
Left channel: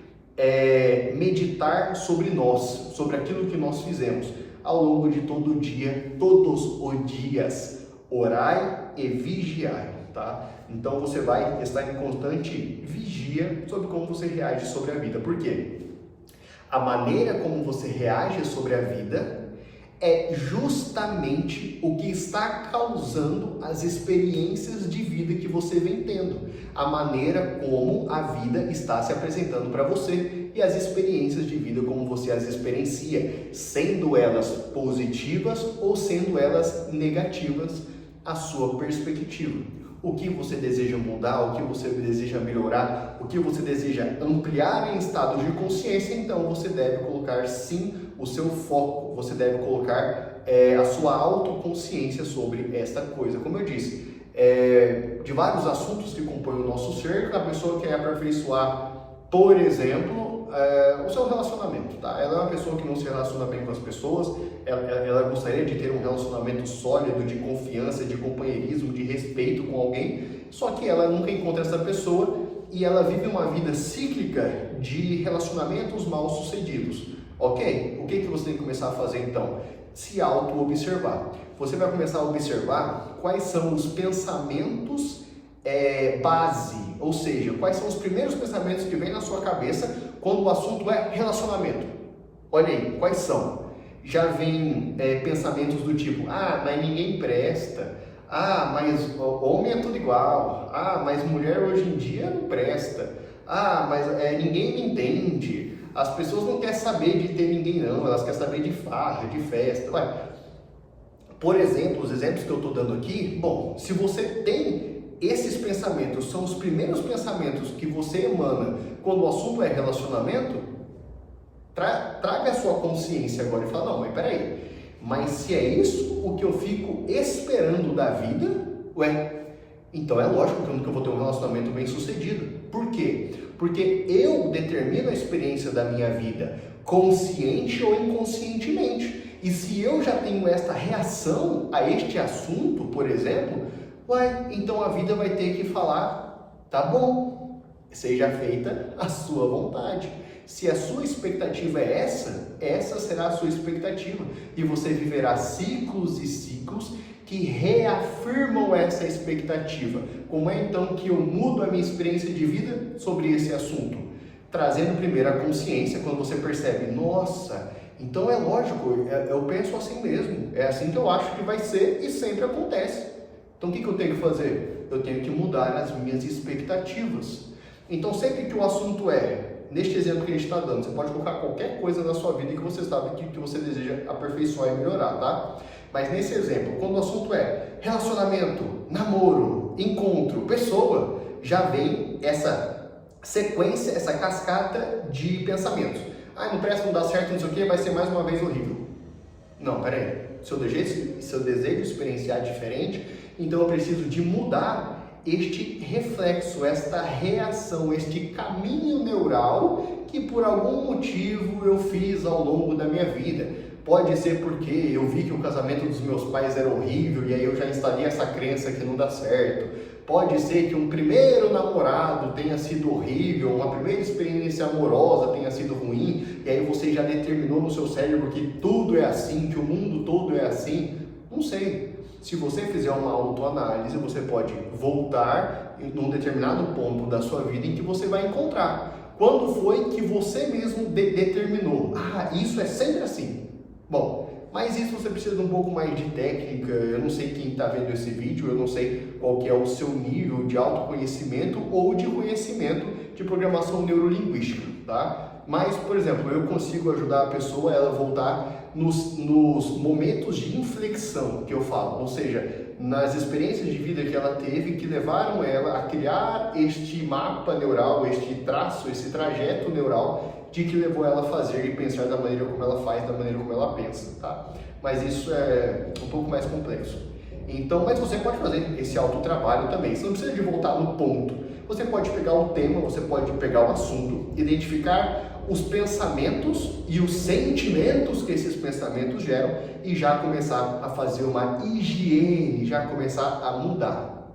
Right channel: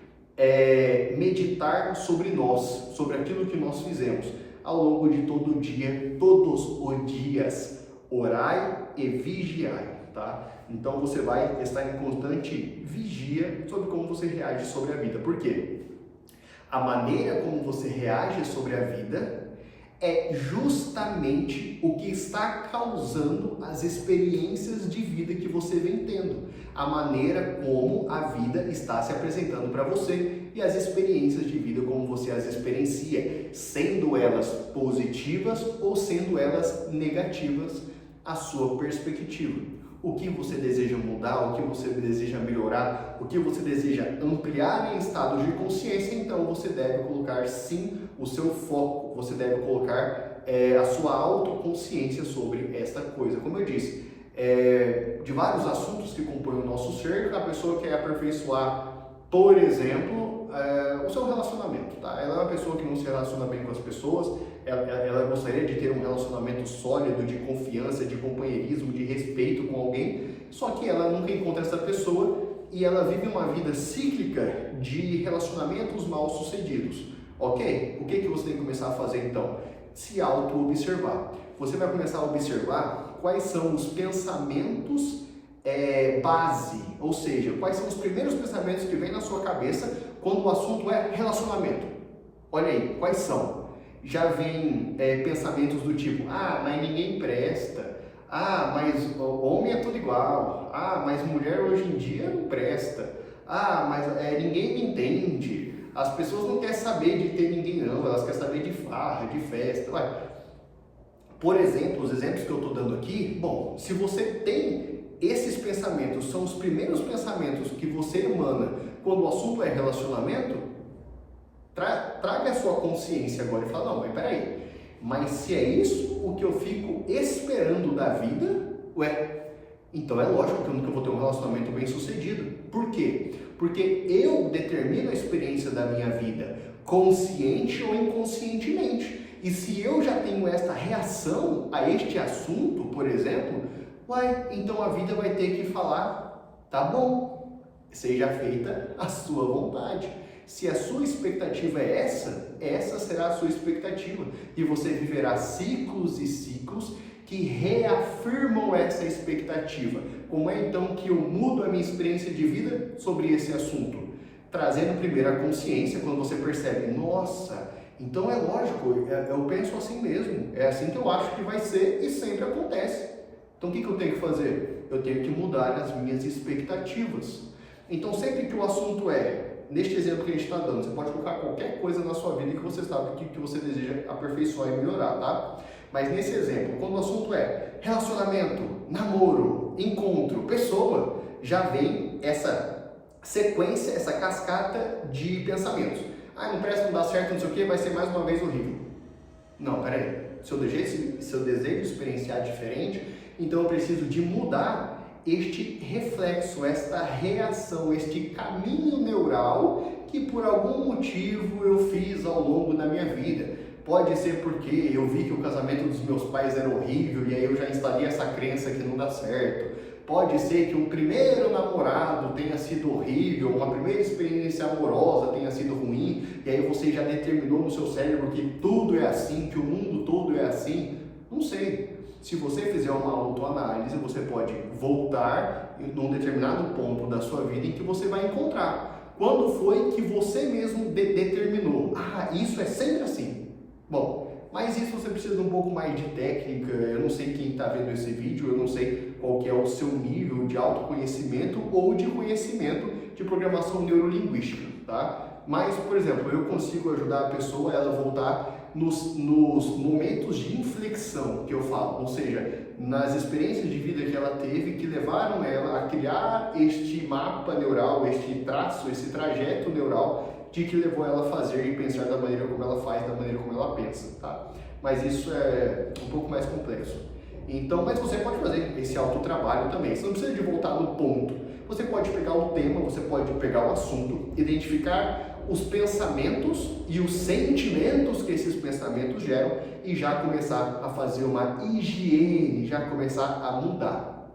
meditar sobre nós, sobre aquilo que nós fizemos ao longo de todo o dia, todos os dias. Orai e vigiai, tá? Então você vai estar em constante vigia sobre como você reage sobre a vida. Por quê? A maneira como você reage sobre a vida é justamente o que está causando as experiências de vida que você vem tendo, a maneira como a vida está se apresentando para você e as experiências de vida como você as experiencia, sendo elas positivas ou sendo elas negativas, a sua perspectiva. O que você deseja mudar, o que você deseja melhorar, o que você deseja ampliar em estados de consciência, então você deve colocar sim o seu foco, você deve colocar a sua autoconsciência sobre esta coisa. Como eu disse, de vários assuntos que compõem o nosso ser, a pessoa quer aperfeiçoar, por exemplo, o seu relacionamento, tá? Ela é uma pessoa que não se relaciona bem com as pessoas, ela gostaria de ter um relacionamento sólido, de confiança, de companheirismo, de respeito com alguém, só que ela nunca encontra essa pessoa e ela vive uma vida cíclica de relacionamentos mal sucedidos, ok? O que você tem que começar a fazer então? Se auto-observar. Você vai começar a observar quais são os pensamentos base, ou seja, quais são os primeiros pensamentos que vêm na sua cabeça quando o assunto é relacionamento? Olha aí, quais são? Já vem pensamentos do tipo, mas ninguém presta, mas homem é tudo igual, mas mulher hoje em dia não presta, mas ninguém me entende, as pessoas não querem saber de ter ninguém não, elas querem saber de farra, de festa. Por exemplo, os exemplos que eu estou dando aqui, bom, se você tem esses pensamentos, são os primeiros pensamentos que você emana quando o assunto é relacionamento, traga a sua consciência agora e fala, não, mas peraí, mas se é isso o que eu fico esperando da vida, então é lógico que eu nunca vou ter um relacionamento bem sucedido. Por quê? Porque eu determino a experiência da minha vida, consciente ou inconscientemente. E se eu já tenho esta reação a este assunto, por exemplo, então a vida vai ter que falar, tá bom, seja feita a sua vontade. Se a sua expectativa é essa será a sua expectativa. E você viverá ciclos e ciclos que reafirmam essa expectativa. Como é então que eu mudo a minha experiência de vida sobre esse assunto? Trazendo primeiro a consciência, quando você percebe, nossa, então é lógico, eu penso assim mesmo, é assim que eu acho que vai ser e sempre acontece. Então o que eu tenho que fazer? Eu tenho que mudar as minhas expectativas. Então sempre que o assunto neste exemplo que a gente está dando, você pode colocar qualquer coisa na sua vida que você sabe que você deseja aperfeiçoar e melhorar, tá? Mas nesse exemplo, quando o assunto é relacionamento, namoro, encontro, pessoa, já vem essa sequência, essa cascata de pensamentos. Não presta, não dá certo, não sei o que, vai ser mais uma vez horrível. Não, peraí. Se eu desejo experienciar diferente, então eu preciso de mudar este reflexo, esta reação, este caminho neural que por algum motivo eu fiz ao longo da minha vida. Pode ser porque eu vi que o casamento dos meus pais era horrível e aí eu já instalei essa crença que não dá certo. Pode ser que um primeiro namorado tenha sido horrível, uma primeira experiência amorosa tenha sido ruim e aí você já determinou no seu cérebro que tudo é assim, que o mundo todo é assim. Não sei. Se você fizer uma autoanálise, você pode voltar num determinado ponto da sua vida em que você vai encontrar. Quando foi que você mesmo determinou? Isso é sempre assim. Bom, mas isso você precisa de um pouco mais de técnica. Eu não sei quem está vendo esse vídeo, eu não sei qual que é o seu nível de autoconhecimento ou de conhecimento de programação neurolinguística, tá? Mas, por exemplo, eu consigo ajudar a pessoa a ela voltar nos momentos de inflexão que eu falo, ou seja, nas experiências de vida que ela teve que levaram ela a criar este mapa neural, este traço, esse trajeto neural de que levou ela a fazer e pensar da maneira como ela faz, da maneira como ela pensa, tá? Mas isso é um pouco mais complexo. Então, mas você pode fazer esse autotrabalho também, você não precisa de voltar no ponto. Você pode pegar o tema, você pode pegar o assunto, identificar os pensamentos e os sentimentos que esses pensamentos geram e já começar a fazer uma higiene, já começar a mudar.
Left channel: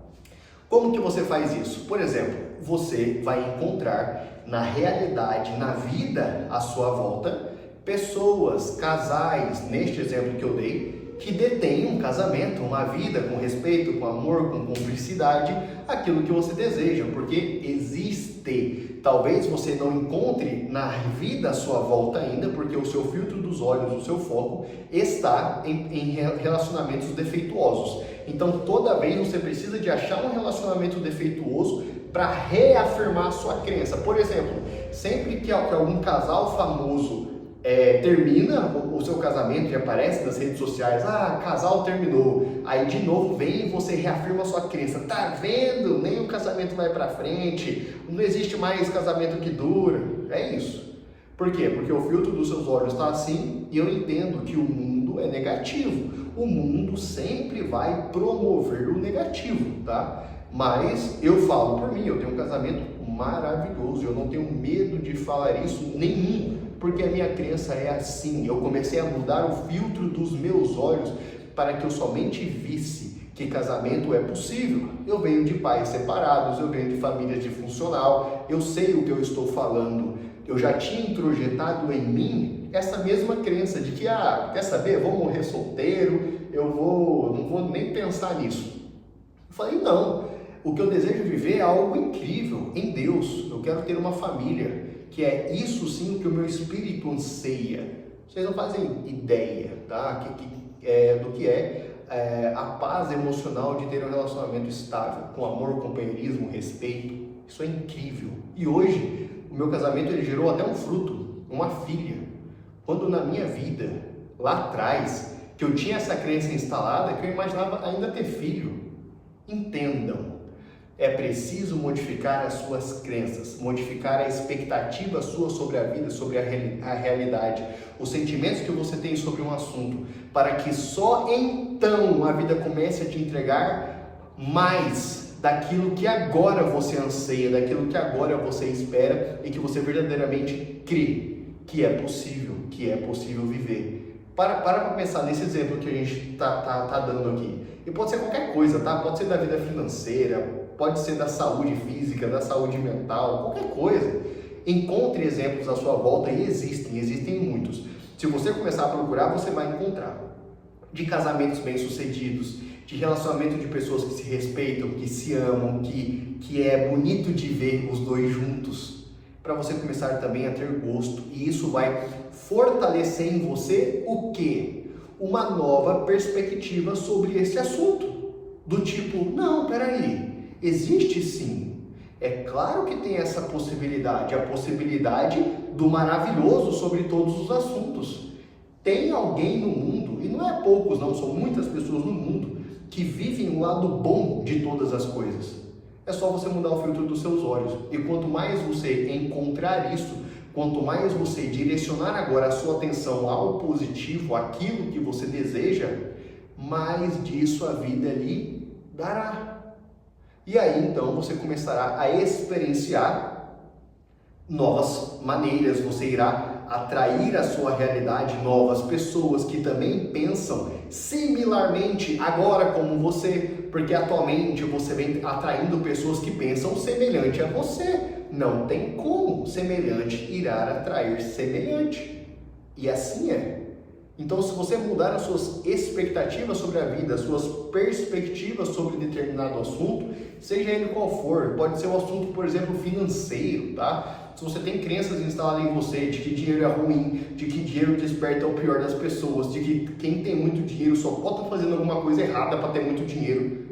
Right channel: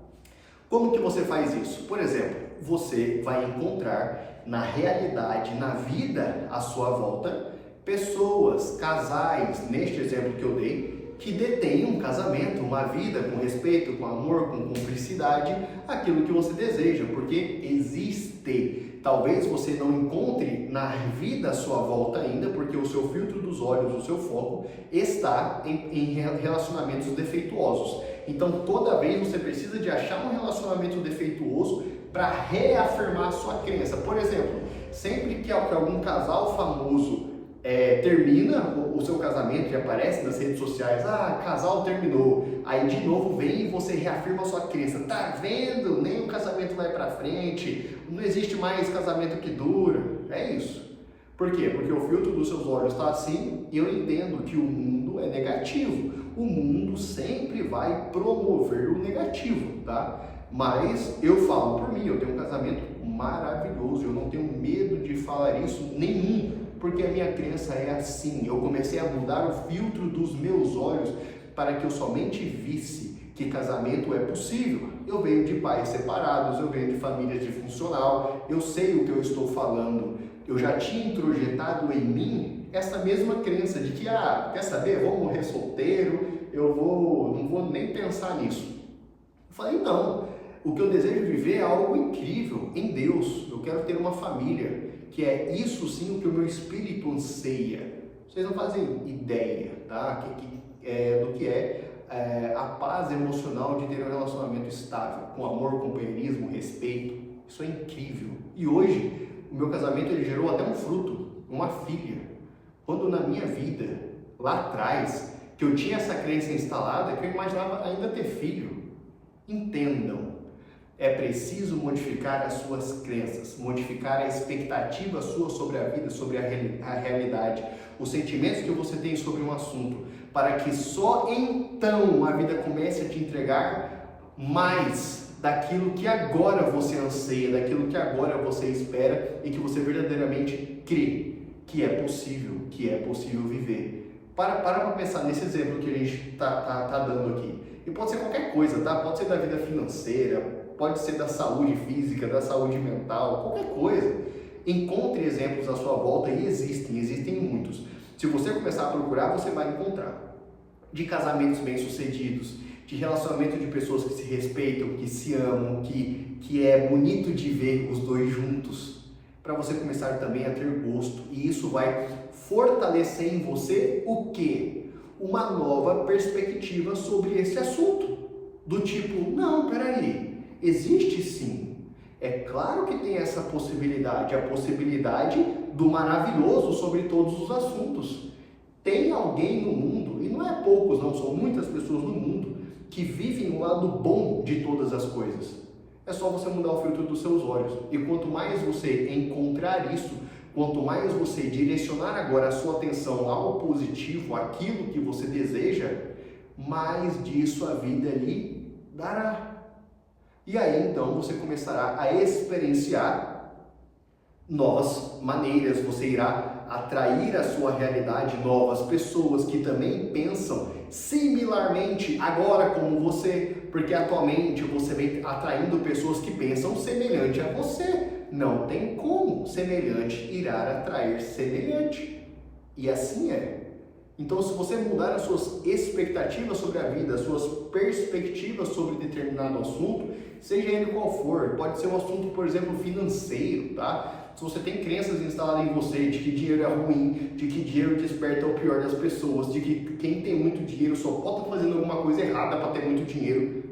Como que você faz isso? Por exemplo, você vai encontrar na realidade, na vida à sua volta, pessoas, casais, neste exemplo que eu dei, que detêm um casamento, uma vida com respeito, com amor, com cumplicidade, aquilo que você deseja, porque existe. Talvez você não encontre na vida à sua volta ainda, porque o seu filtro dos olhos, o seu foco está em relacionamentos defeituosos. Então, toda vez você precisa de achar um relacionamento defeituoso para reafirmar a sua crença. Por exemplo, sempre que algum casal famoso termina o seu casamento e aparece nas redes sociais, casal terminou, aí de novo vem e você reafirma a sua crença, tá vendo? Nem o casamento vai pra frente, não existe mais casamento que dura. É isso. Por quê? Porque o filtro dos seus olhos está assim e eu entendo que o mundo é negativo. O mundo sempre vai promover o negativo, tá? Mas eu falo por mim, eu tenho um casamento maravilhoso, eu não tenho medo de falar isso nenhum, porque a minha crença é assim. Eu comecei a mudar o filtro dos meus olhos para que eu somente visse que casamento é possível. Eu venho de pais separados, eu venho de famílias disfuncional, eu sei o que eu estou falando. Eu já tinha introjetado em mim essa mesma crença de que, quer saber, vou morrer solteiro, não vou nem pensar nisso. Eu falei, não, O que eu desejo viver é algo incrível em Deus. Eu quero ter uma família, que é isso sim o que o meu espírito anseia. Vocês não fazem ideia, tá? Do que é a paz emocional de ter um relacionamento estável, com amor, companheirismo, respeito. Isso é incrível. E hoje, o meu casamento ele gerou até um fruto, uma filha. Quando na minha vida, lá atrás, que eu tinha essa crença instalada, que eu imaginava ainda ter filho. Entendam, é preciso modificar as suas crenças, modificar a expectativa sua sobre a vida, sobre a realidade, os sentimentos que você tem sobre um assunto, para que só então a vida comece a te entregar mais daquilo que agora você anseia, daquilo que agora você espera e que você verdadeiramente crê que é possível viver. Para pensar nesse exemplo que a gente tá dando aqui. E pode ser qualquer coisa, tá? Pode ser da vida financeira, pode ser da saúde física, da saúde mental, qualquer coisa. Encontre exemplos à sua volta e existem muitos. Se você começar a procurar, você vai encontrar. De casamentos bem-sucedidos, de relacionamento de pessoas que se respeitam, que se amam, que é bonito de ver os dois juntos, para você começar também a ter gosto. E isso vai fortalecer em você o quê? Uma nova perspectiva sobre esse assunto. Do tipo, não, peraí, existe sim. É claro que tem essa possibilidade, a possibilidade do maravilhoso sobre todos os assuntos. Tem alguém no mundo, e não é poucos não, são muitas pessoas no mundo, que vivem o lado bom de todas as coisas. É só você mudar o filtro dos seus olhos. E quanto mais você encontrar isso, quanto mais você direcionar agora a sua atenção ao positivo, aquilo que você deseja, mais disso a vida lhe dará. E aí então você começará a experienciar novas maneiras, você irá atrair à sua realidade novas pessoas que também pensam similarmente agora como você, porque atualmente você vem atraindo pessoas que pensam semelhante a você. Não tem como semelhante irá atrair semelhante. E assim é. Então, se você mudar as suas expectativas sobre a vida, as suas perspectivas sobre determinado assunto, seja ele qual for, pode ser um assunto, por exemplo, financeiro, tá? Se você tem crenças instaladas em você de que dinheiro é ruim, de que dinheiro desperta o pior das pessoas, de que quem tem muito dinheiro só pode estar fazendo alguma coisa errada para ter muito dinheiro.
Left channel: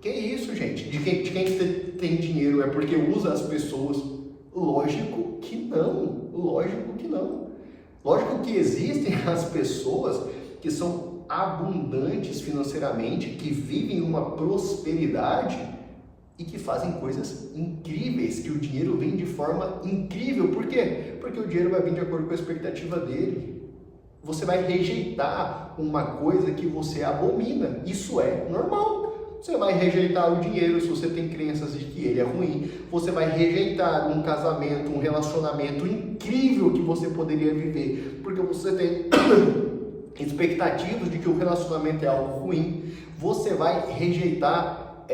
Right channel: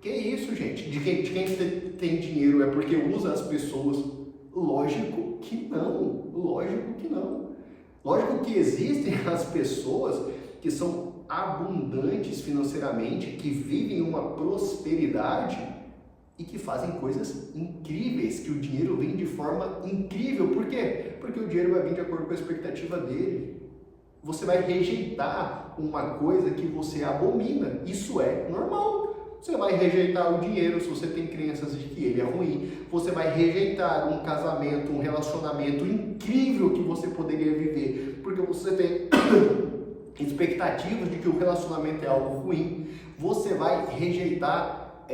Que isso, gente? De quem tem dinheiro é porque usa as pessoas? Lógico que não. Lógico que não. Lógico que existem as pessoas que são abundantes financeiramente, que vivem uma prosperidade e que fazem coisas incríveis, que o dinheiro vem de forma incrível. Por quê? Porque o dinheiro vai vir de acordo com a expectativa dele. Você vai rejeitar uma coisa que você abomina. Isso é normal. Você vai rejeitar o dinheiro se você tem crenças de que ele é ruim. Você vai rejeitar um casamento, um relacionamento incrível que você poderia viver, porque você tem expectativas de que o relacionamento é algo ruim. Você vai rejeitar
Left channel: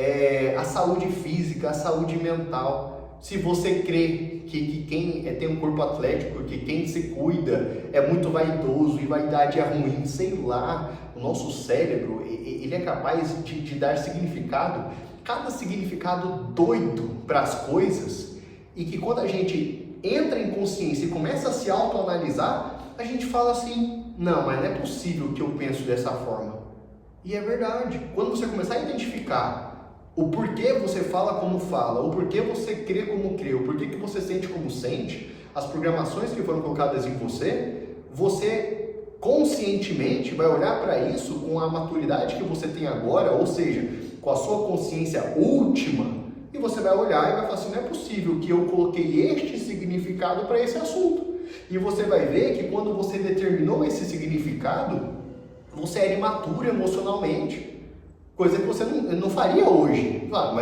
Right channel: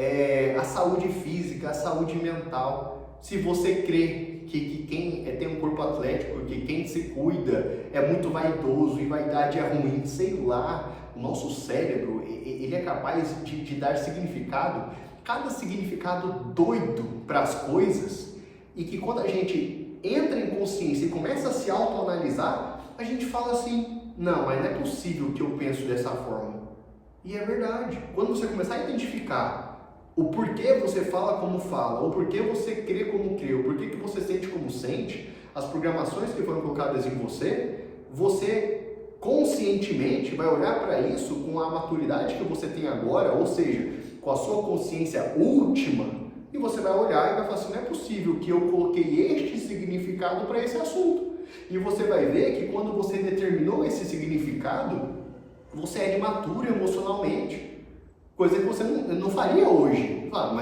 a saúde física, a saúde mental. Se você crê que quem tem um corpo atlético, que quem se cuida é muito vaidoso e vaidade é ruim, sei lá, o nosso cérebro, ele é capaz de dar significado, cada significado doido para as coisas, e que quando a gente entra em consciência e começa a se autoanalisar, a gente fala assim, não, mas não é possível que eu penso dessa forma. E é verdade. Quando você começar a identificar o porquê você fala como fala, o porquê você crê como crê, o porquê que você sente como sente, as programações que foram colocadas em você, você conscientemente vai olhar para isso com a maturidade que você tem agora, ou seja, com a sua consciência última, e você vai olhar e vai falar assim, não é possível que eu coloquei este significado para esse assunto. E você vai ver que quando você determinou esse significado, você era imaturo emocionalmente. Coisa que você não faria hoje. Claro,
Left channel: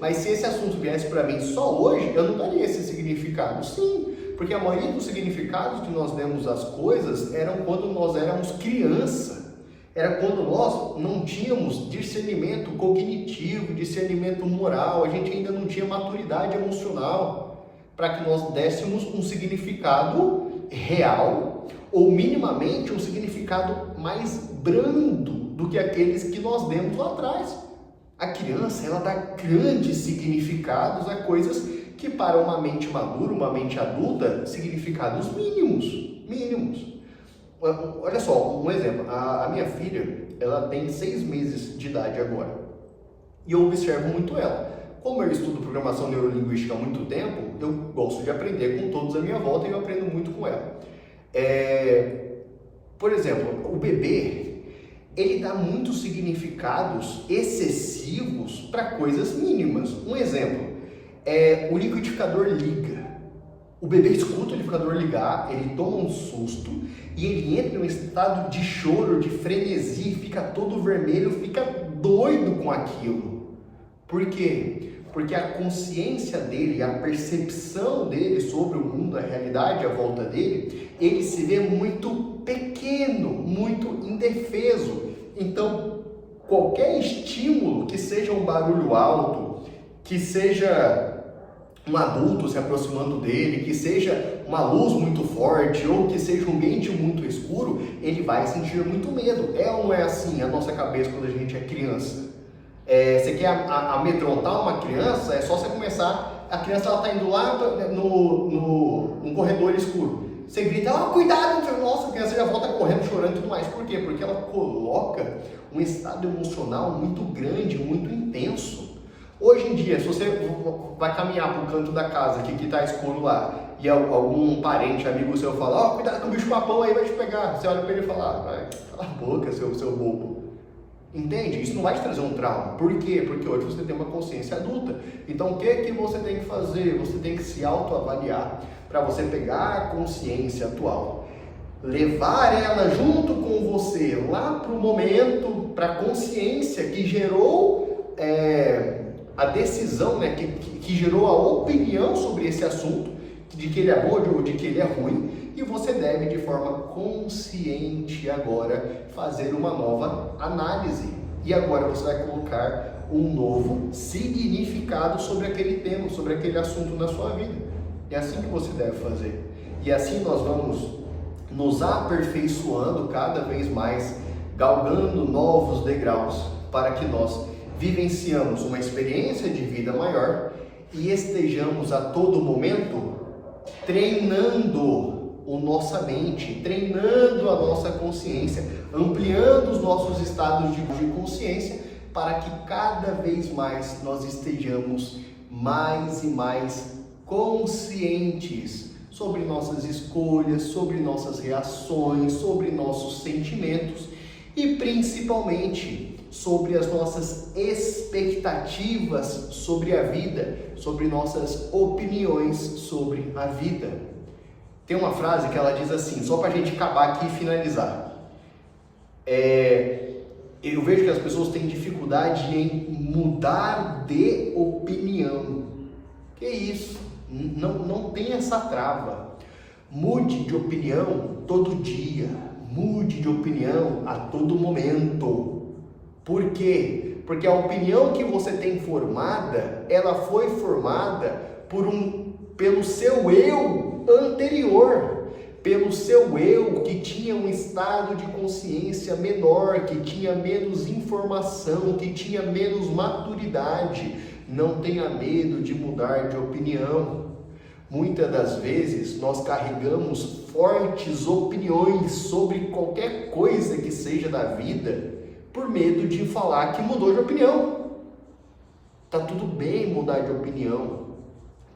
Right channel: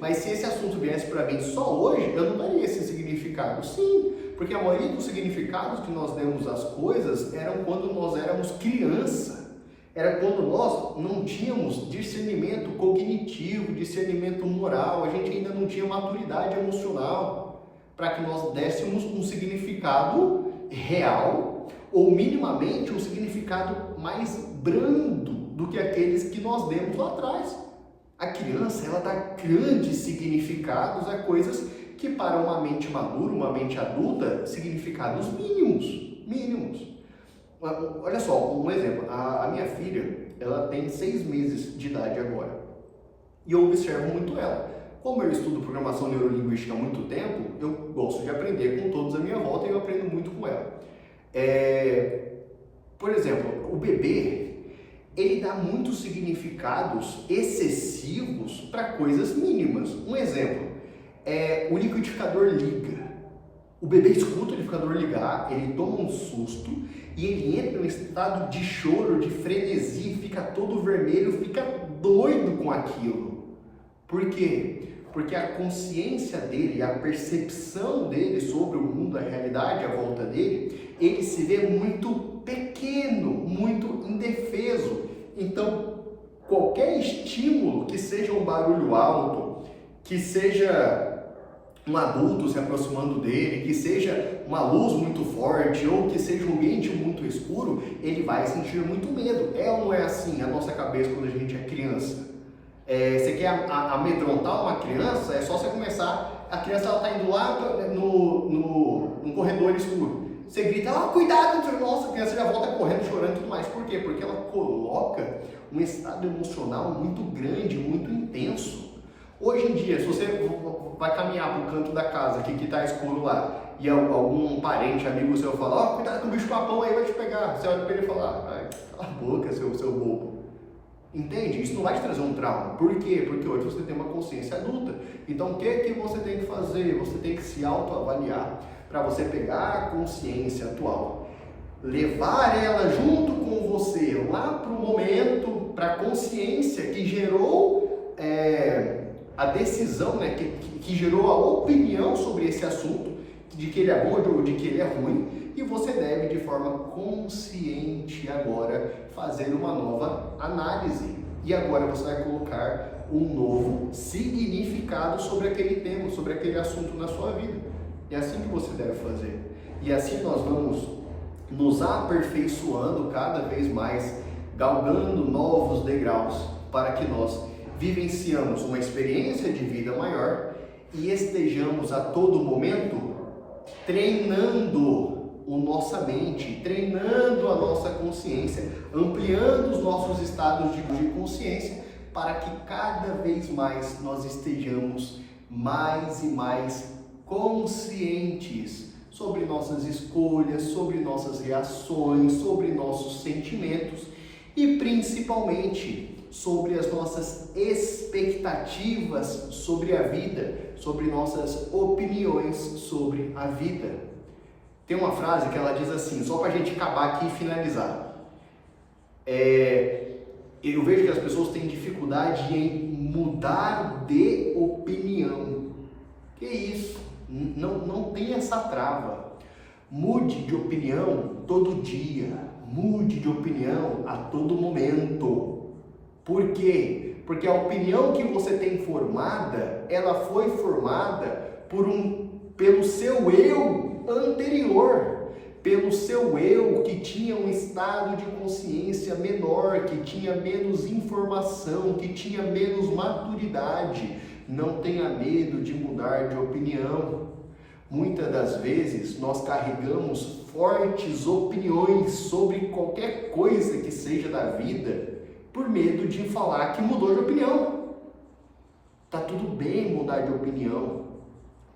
mas se esse assunto viesse para mim só hoje, eu não daria esse significado. Sim, porque a maioria dos significados que nós demos às coisas eram quando nós éramos criança. Era quando nós não tínhamos discernimento cognitivo, discernimento moral, a gente ainda não tinha maturidade emocional para que nós dessemos um significado real ou minimamente um significado mais brando do que aqueles que nós demos lá atrás. A criança, ela dá grandes significados a coisas que para uma mente madura, uma mente adulta, significados mínimos. Olha só, um exemplo. A minha filha, ela tem 6 meses de idade agora. E eu observo muito ela. Como eu estudo programação neurolinguística há muito tempo, eu gosto de aprender com todos à minha volta e eu aprendo muito com ela. Por exemplo, o bebê, ele dá muitos significados excessivos para coisas mínimas. Um exemplo, o liquidificador liga. O bebê escuta o liquidificador ligar, ele toma um susto e ele entra em um estado de choro, de frenesi, fica todo vermelho, fica doido com aquilo. Por quê? Porque a consciência dele, a percepção dele sobre o mundo, a realidade à volta dele, ele se vê muito pequeno, muito indefeso. Então, qualquer estímulo, que seja um barulho alto, que seja um adulto se aproximando dele, que seja uma luz muito forte ou que seja um ambiente muito escuro, ele vai sentir muito medo. É ou não é assim a nossa cabeça quando a gente é criança? Você quer amedrontar uma criança, é só você começar, a criança está indo lá no corredor escuro. Você grita, cuidado, nossa, a criança já volta correndo, chorando e tudo mais. Por quê? Porque ela coloca um estado emocional muito grande, muito intenso. Hoje em dia, se você vai caminhar para o canto da casa que está escuro lá e algum parente, amigo seu fala, cuidado que o bicho papão aí vai te pegar. Você olha para ele e fala, cala a boca, seu bobo. Entende? Isso não vai te trazer um trauma. Por quê? Porque hoje você tem uma consciência adulta. Então, o que você tem que fazer? Você tem que se autoavaliar para você pegar a consciência atual, levar ela junto com você lá para o momento, para a consciência que gerou a decisão, né, que gerou a opinião sobre esse assunto, de que ele é bom ou de que ele é ruim, e você deve, de forma consciente agora, fazer uma nova análise. E agora você vai colocar um novo significado sobre aquele tema, sobre aquele assunto na sua vida. É assim que você deve fazer. E assim nós vamos nos aperfeiçoando cada vez mais, galgando novos degraus para que nós vivenciamos uma experiência de vida maior e estejamos a todo momento treinando a nossa mente, treinando a nossa consciência, ampliando os nossos estados de consciência para que cada vez mais nós estejamos mais e mais conscientes sobre nossas escolhas, sobre nossas reações, sobre nossos sentimentos e principalmente sobre as nossas expectativas sobre a vida, sobre nossas opiniões sobre a vida. Tem uma frase que ela diz assim, só para a gente acabar aqui e finalizar. Eu vejo que as pessoas têm dificuldade em mudar de opinião. Que isso? Não tem essa trava. Mude de opinião todo dia. Mude de opinião a todo momento. Por quê? Porque a opinião que você tem formada, ela foi formada pelo seu eu anterior, pelo seu eu que tinha um estado de consciência menor, que tinha menos informação, que tinha menos maturidade. Não tenha medo de mudar de opinião. Muitas das vezes nós carregamos fortes opiniões sobre qualquer coisa que seja da vida por medo de falar que mudou de opinião. Tá tudo bem mudar de opinião,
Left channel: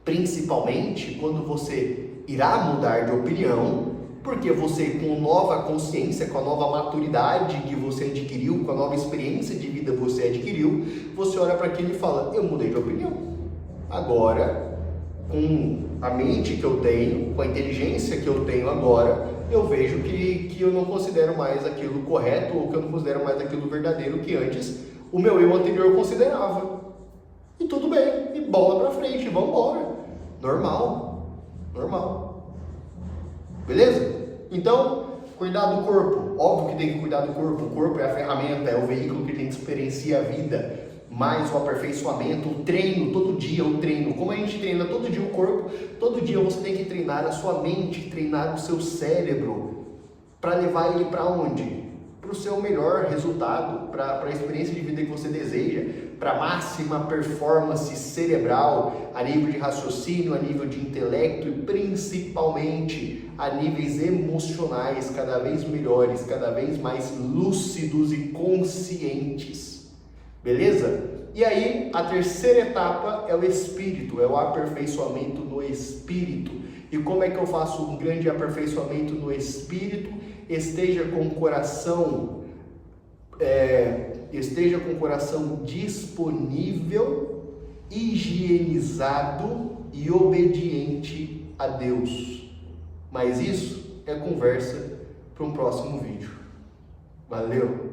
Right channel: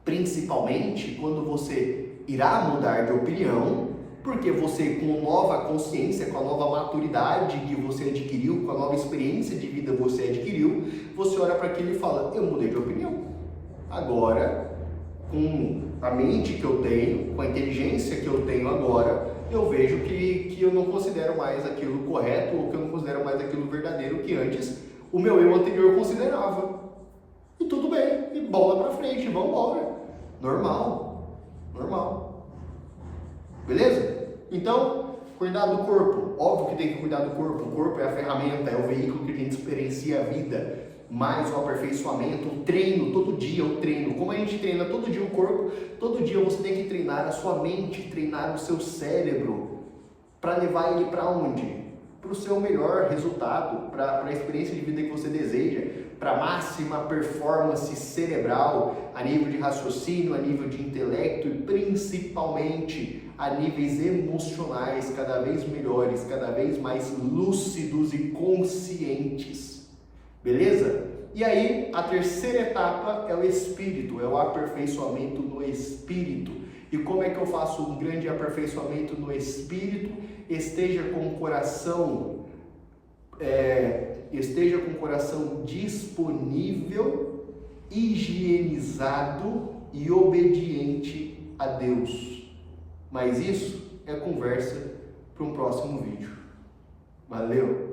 principalmente quando você irá mudar de opinião, porque você, com nova consciência, com a nova maturidade que você adquiriu, com a nova experiência de vida que você adquiriu, você olha para aquilo e fala, eu mudei de opinião. Agora, com a mente que eu tenho, com a inteligência que eu tenho agora, eu vejo que eu não considero mais aquilo correto ou que eu não considero mais aquilo verdadeiro que antes o meu eu anterior considerava. E tudo bem, e bola pra frente, vamos embora. Normal. Beleza? Então, cuidar do corpo. Óbvio que tem que cuidar do corpo. O corpo é a ferramenta, é o veículo que a gente experiencia a vida. Mais o aperfeiçoamento, o treino, todo dia o treino. Como a gente treina todo dia o corpo, todo dia você tem que treinar a sua mente, treinar o seu cérebro. Para levar ele para onde? para o seu melhor resultado, para a experiência de vida que você deseja, para a máxima performance cerebral, a nível de raciocínio, a nível de intelecto e principalmente a níveis emocionais cada vez melhores, cada vez mais lúcidos e conscientes. Beleza? E aí, a terceira etapa é o espírito, é o aperfeiçoamento no espírito. E como é que eu faço um grande aperfeiçoamento no espírito? Esteja com o coração disponível, higienizado e obediente a Deus. Mas isso é conversa para um próximo vídeo. Valeu!